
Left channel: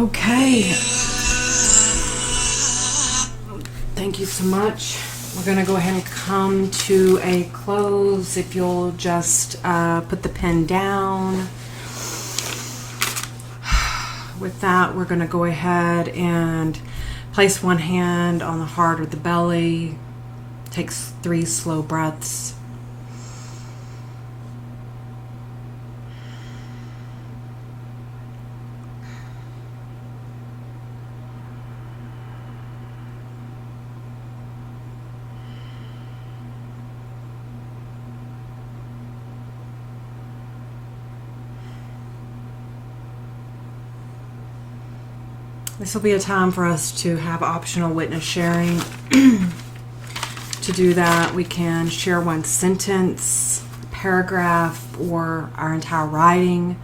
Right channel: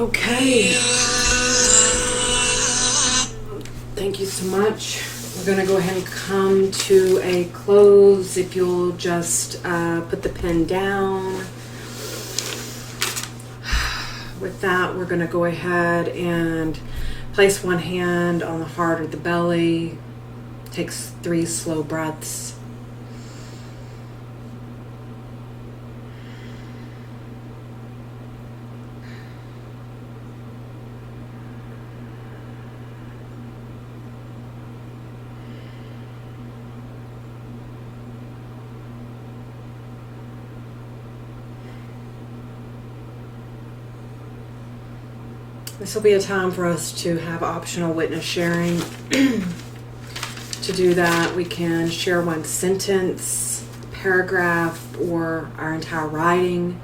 Okay. Thank you so much. We're going to go ahead and come to a close. If you'll just put the pen down. With that, we're going to go ahead and place one hand on the heart or the belly. Take 3 slow breaths. This will be a time for us to have optional witness sharing. To do that, we can share one sentence, paragraph, or our entire writing.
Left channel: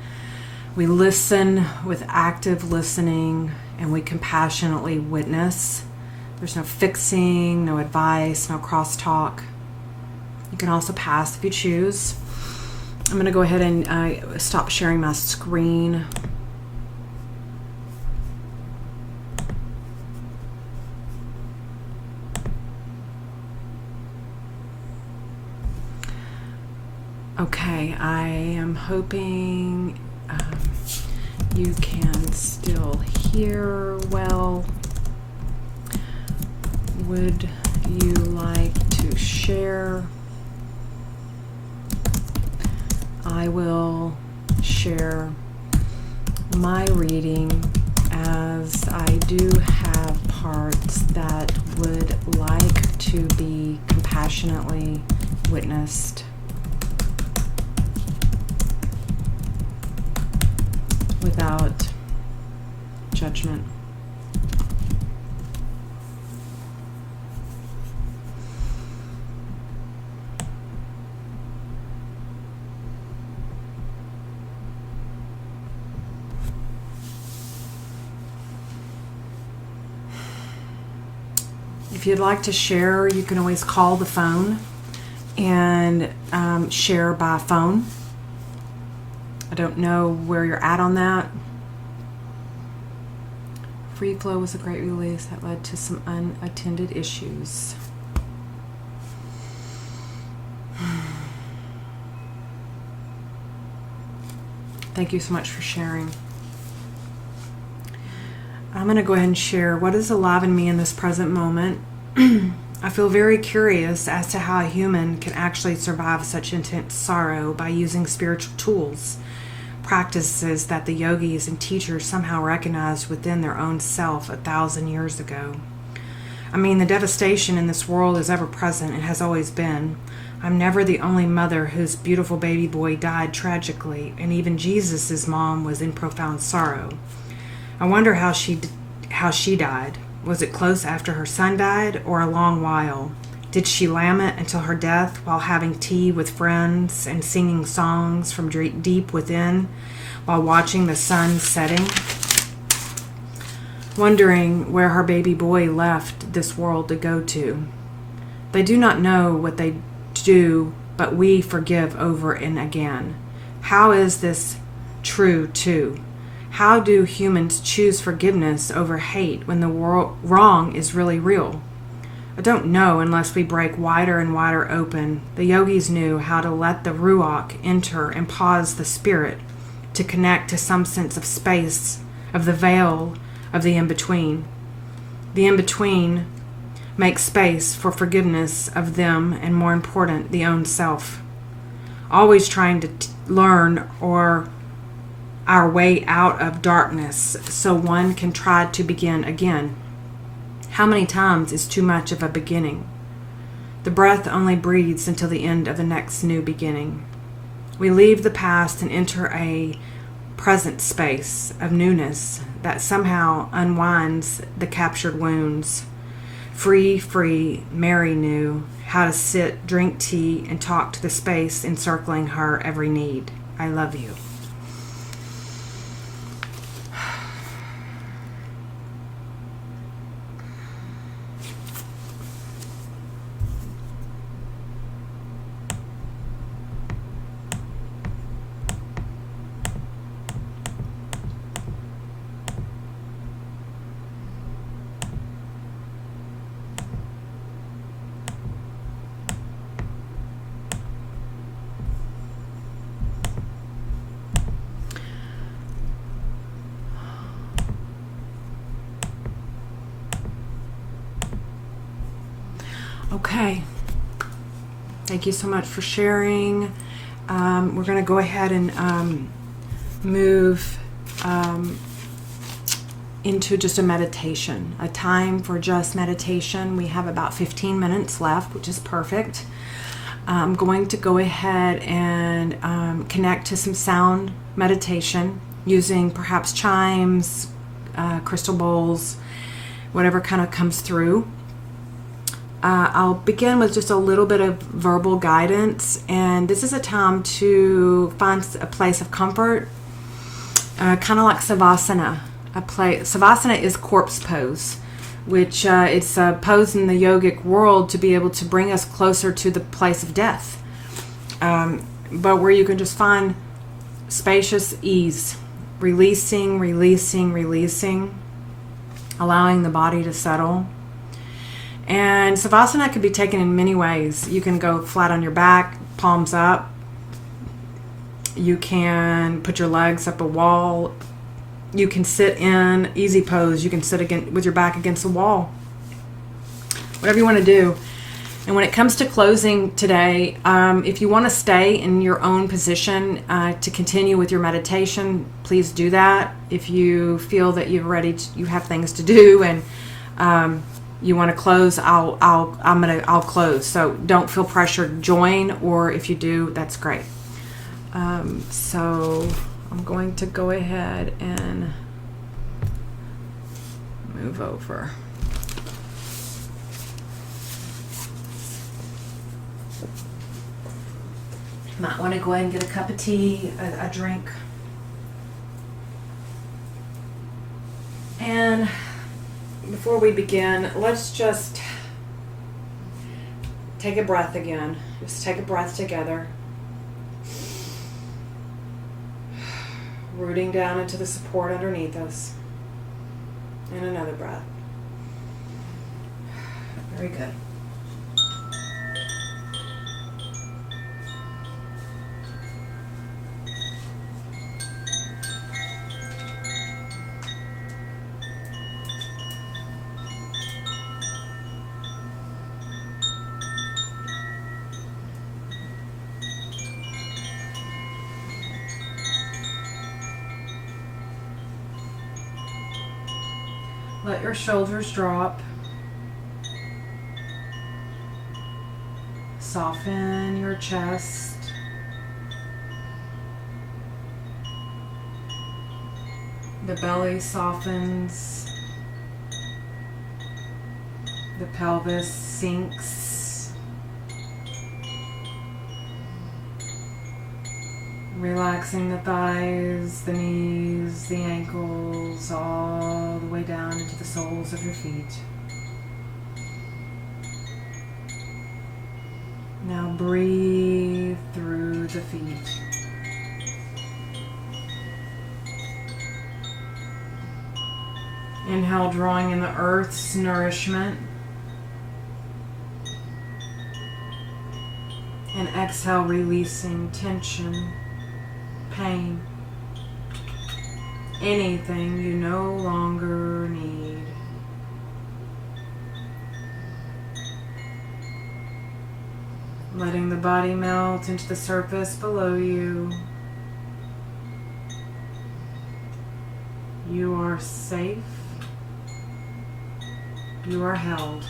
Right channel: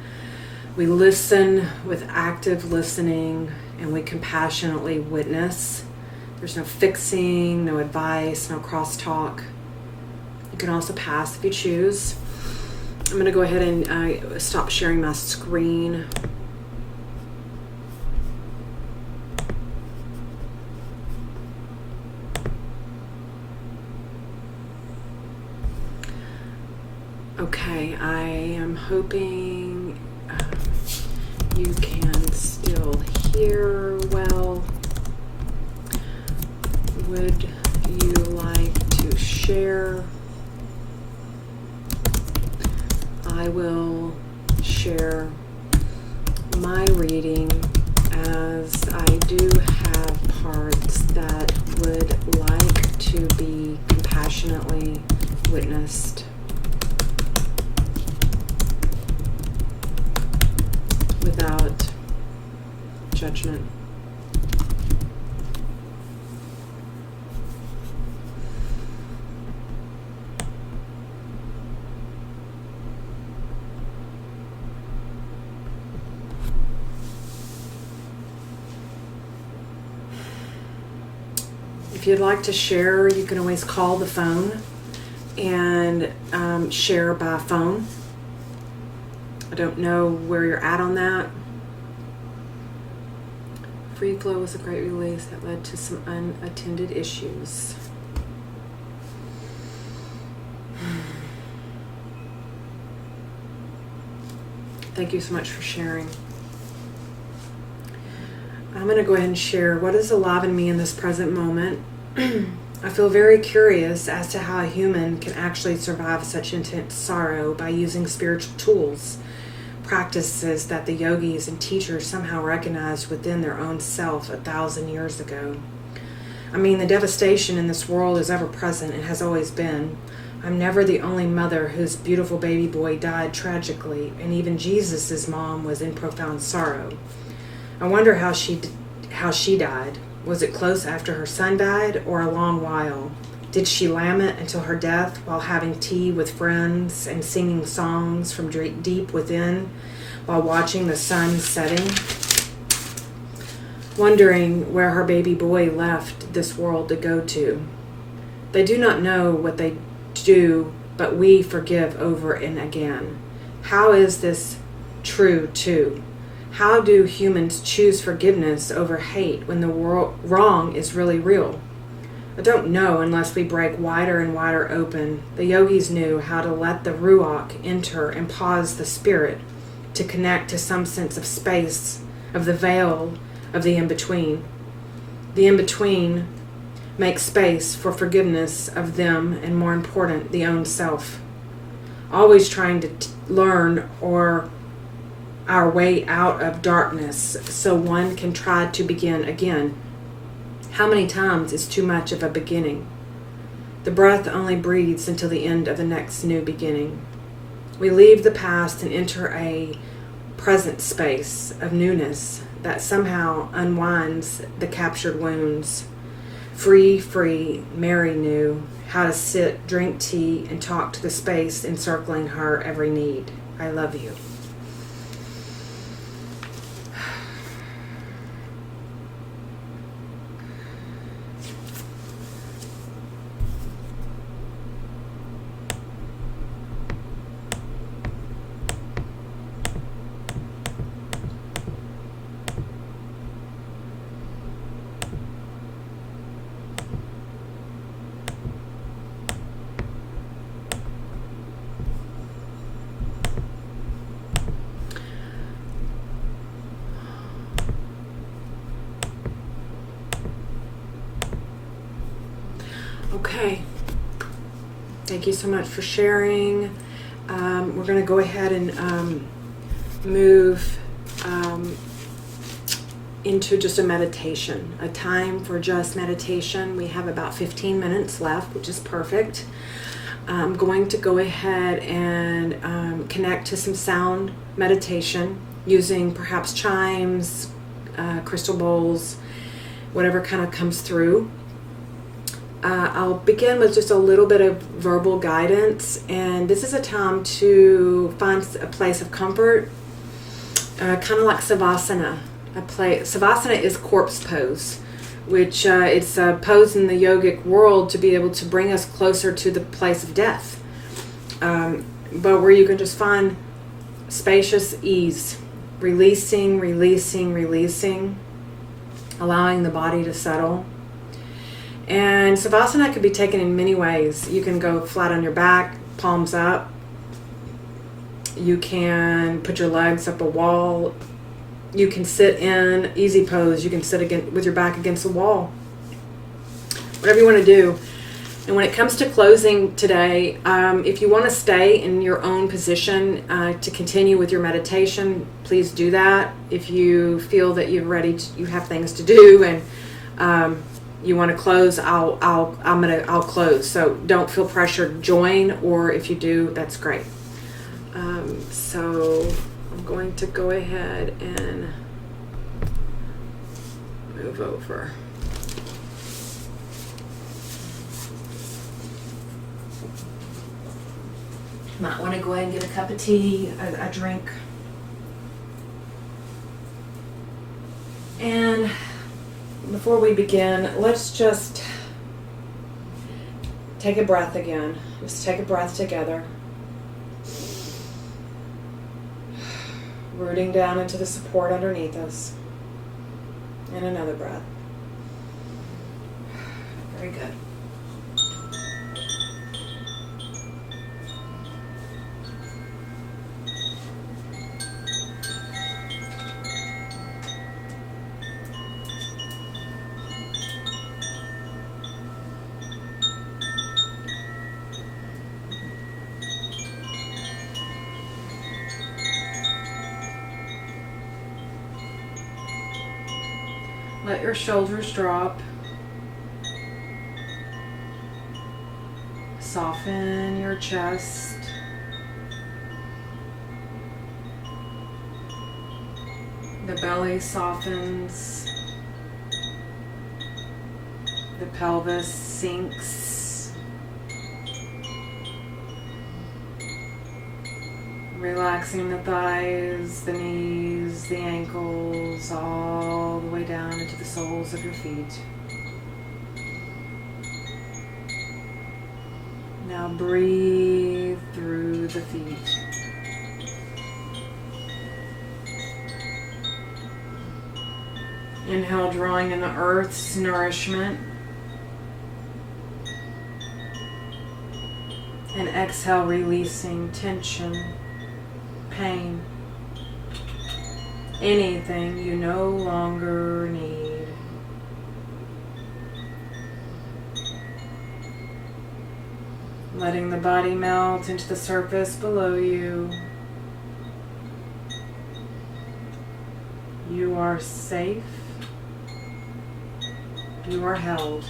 We listen with active listening, and we compassionately witness. There's no fixing, no advice, no crosstalk. You can also pass if you choose. I'm going to go ahead and stop sharing my screen. Okay, I am hoping you can still hear well. Would you like to share? I will share my reading, as I do have parts that would like to be compassionately witnessed. Without judgment. If you'd like to share, you can always call the phone and share by phone. I don't know where you're at on that. Free flow was a great release that led to some unattended issues. Thank you so much for sharing. I'm going to go ahead and share what is alive in me in this present moment. I feel very curious as to how a human can actually survive such intense sorrow by using spiritual tools, practices that the yogis and teachers somehow recognized within their own self 1,000 years ago. I mean, the devastation in this world is ever present and has always been. I'm never the only mother whose beautiful baby boy died tragically, and even Jesus' mom was in profound sorrow. I wonder how she died. Was it close after her son died, or a long while? Did she lament until her death while having tea with friends and singing songs from deep within while watching the sun setting? Wondering where her baby boy left this world to go to. They do not know what they do, but we forgive over and again. How is this true too? How do humans choose forgiveness over hate when the wrong is really real? I don't know unless we break wider and wider open. The yogis knew how to let the ruach enter and pause the spirit to connect to some sense of space, of the veil of the in-between. The in-between makes space for forgiveness of them and, more important, the own self. Always trying to learn or our way out of darkness so one can try to begin again. How many times is too much of a beginning? The breath only breathes until the end of the next new beginning. We leave the past and enter a present space of newness that somehow unwinds the captured wounds. Free, Mary knew how to sit, drink tea, and talk to the space encircling her every need. I love you. Okay. Thank you so much for sharing. We're going to go ahead and move into just a meditation, a time for just meditation. We have about 15 minutes left, which is perfect. I'm going to go ahead and connect to some sound meditation using perhaps chimes, crystal bowls, whatever kind of comes through. I'll begin with just a little bit of verbal guidance, and this is a time to find a place of comfort, kind of like Savasana. Savasana is corpse pose, which it's a pose in the yogic world to be able to bring us closer to the place of death, but where you can just find spacious ease, releasing, allowing the body to settle. And Savasana can be taken in many ways. You can go flat on your back, palms up. You can put your legs up a wall. You can sit in easy pose. You can sit again with your back against the wall. Whatever you want to do. And when it comes to closing today, if you want to stay in your own position to continue with your meditation, please do that. If you feel that you have things to do and you want to close, I'll close. So don't feel pressured. Join, or if you do, that's great. So I'm going to go ahead and move over. Might want to go ahead and get a cup of tea, a drink. And before we begin, let's just take a breath again. Just take a breath together. Rooting down into the support underneath us. And another breath. Very good. Let your shoulders drop. Soften your chest. The belly softens. The pelvis sinks. Relaxing the thighs, the knees, the ankles, all the way down into the soles of your feet. Now breathe through the feet. Inhale, drawing in the earth's nourishment. And exhale, releasing tension, pain, anything you no longer need. Letting the body melt into the surface below you. You are safe. You are held.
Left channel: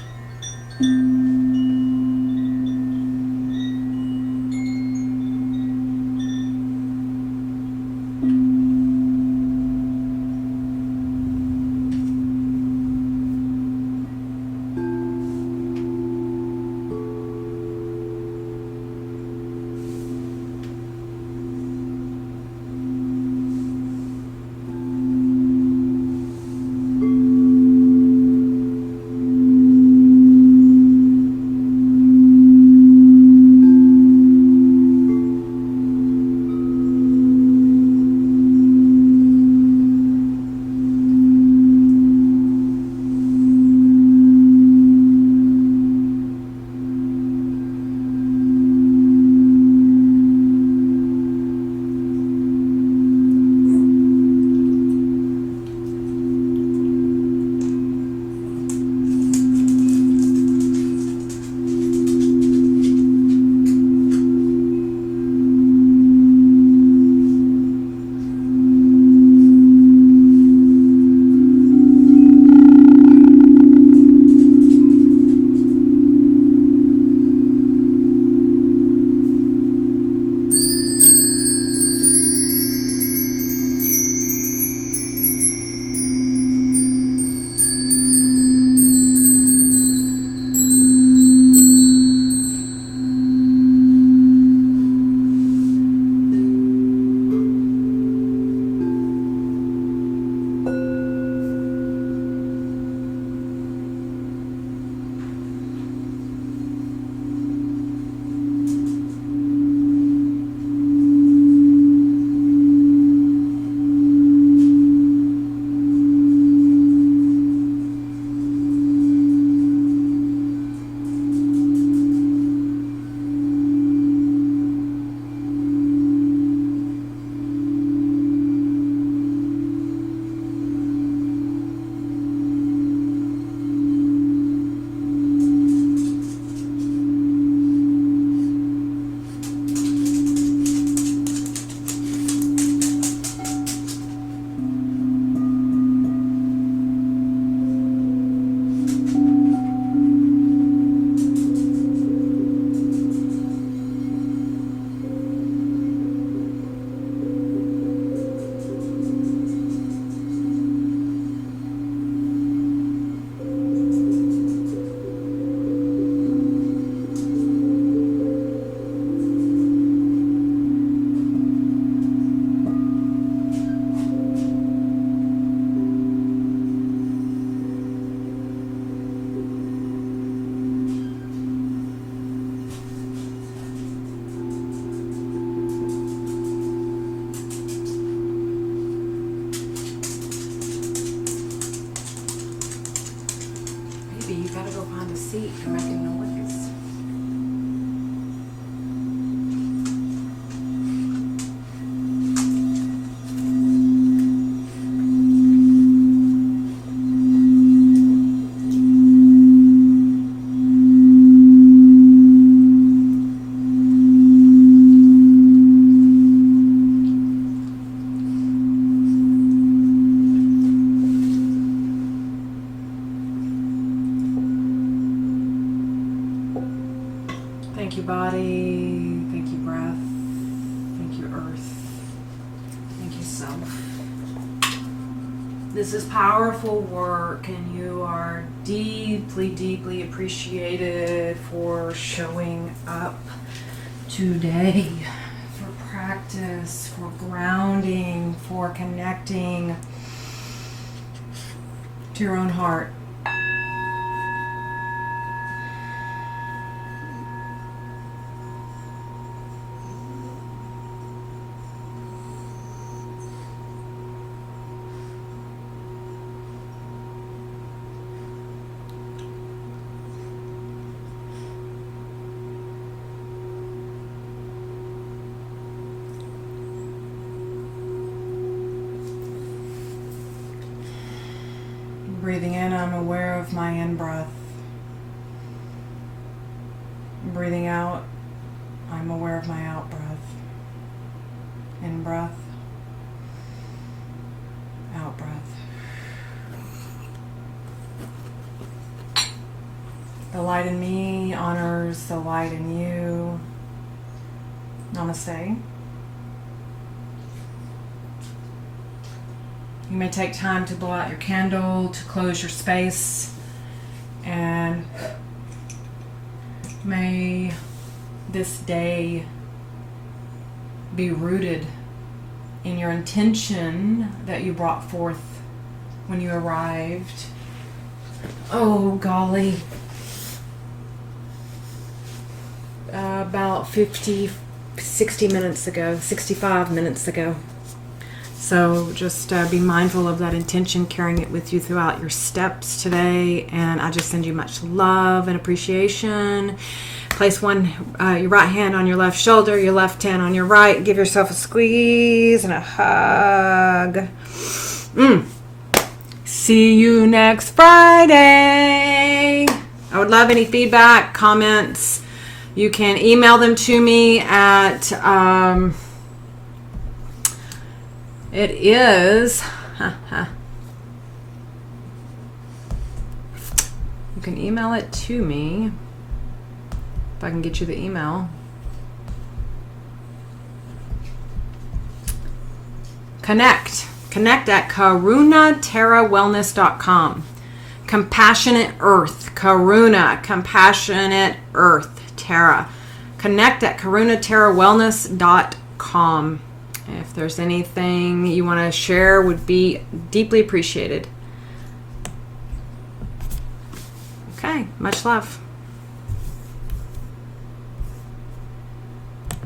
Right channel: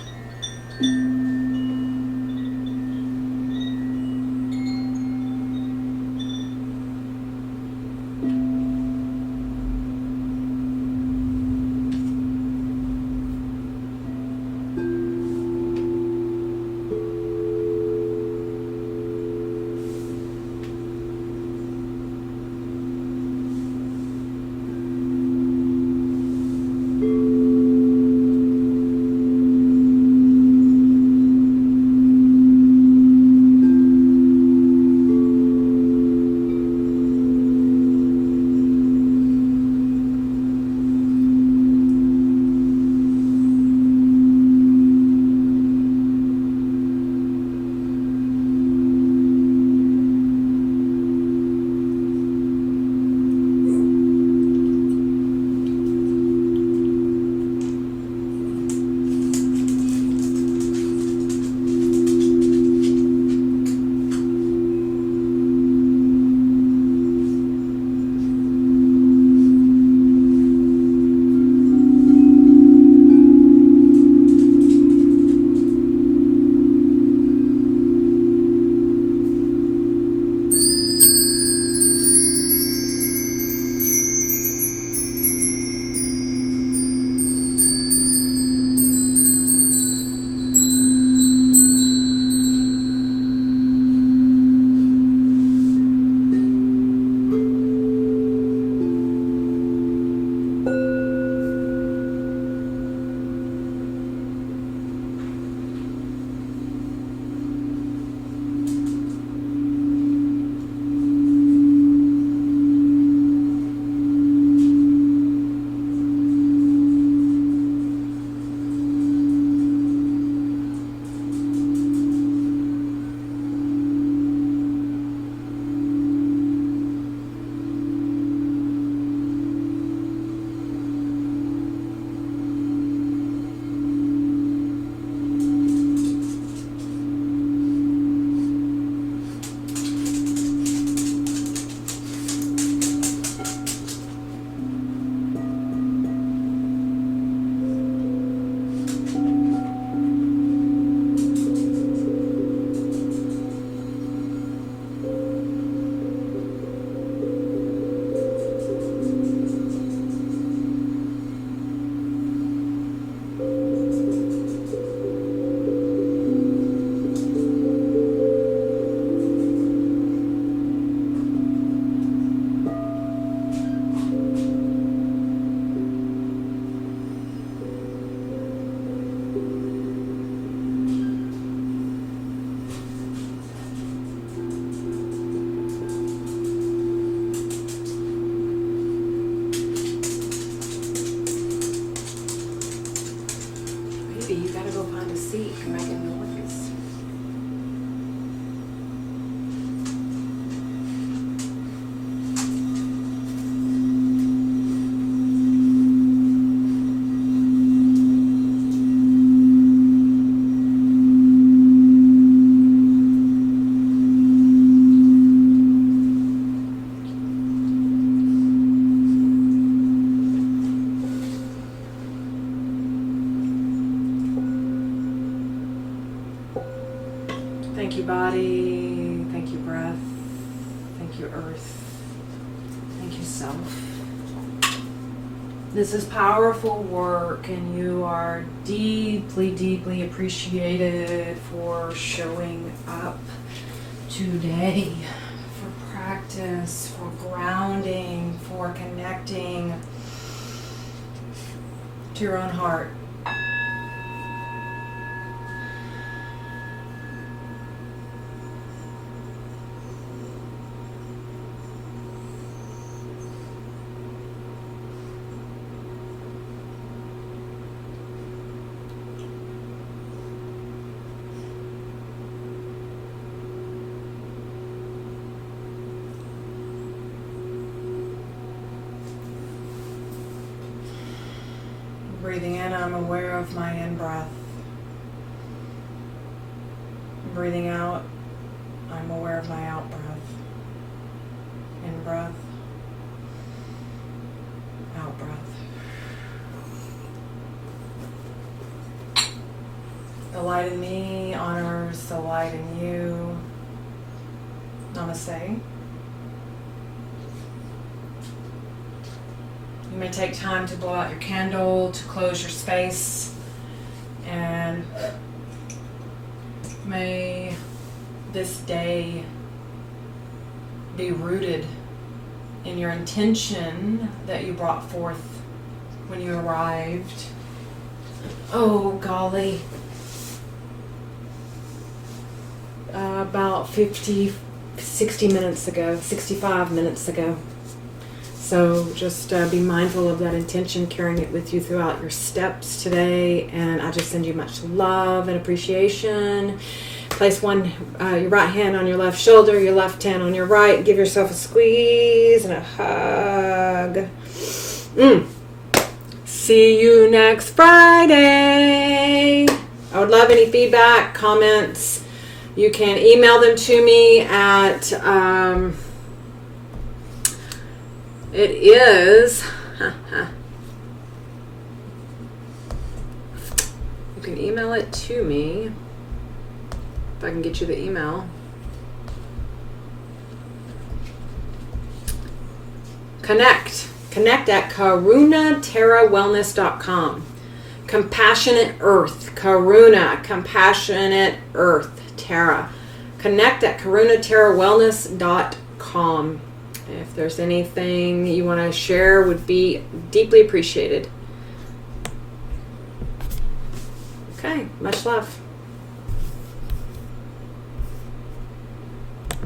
Thank you, body. Thank you, breath. Thank you, earth. Thank you, self. This is powerful work, and you are deeply, deeply appreciated for showing up today, for practice, for grounding, for connecting to your own heart. Breathing in, I'm aware of my in-breath. Breathing out, I'm aware of my out-breath. In-breath, out-breath. The light in me honors the light in you. Namaste. You may take time to blow out your candle, to close your space, and may this day be rooted in your intention that you brought forth when you arrived. Oh, golly. About 60 minutes ago, 65 minutes ago. So just be mindful of that intention, carrying it with you throughout your steps today. And I just send you much love and appreciation. Place your right hand on your left shoulder, your left hand on your right. Give yourself a squeeze and a hug. See you next Friday. I would love any feedback, comments. You can email them to me at... It is, you can email it to me, if I can get you the email. Connect at karunaterrawellness.com. Compassionate Earth, Karuna, Compassionate Earth, Terra. Connect at karunaterrawellness.com. If there's anything you want to share, would be deeply appreciated. Okay, much love.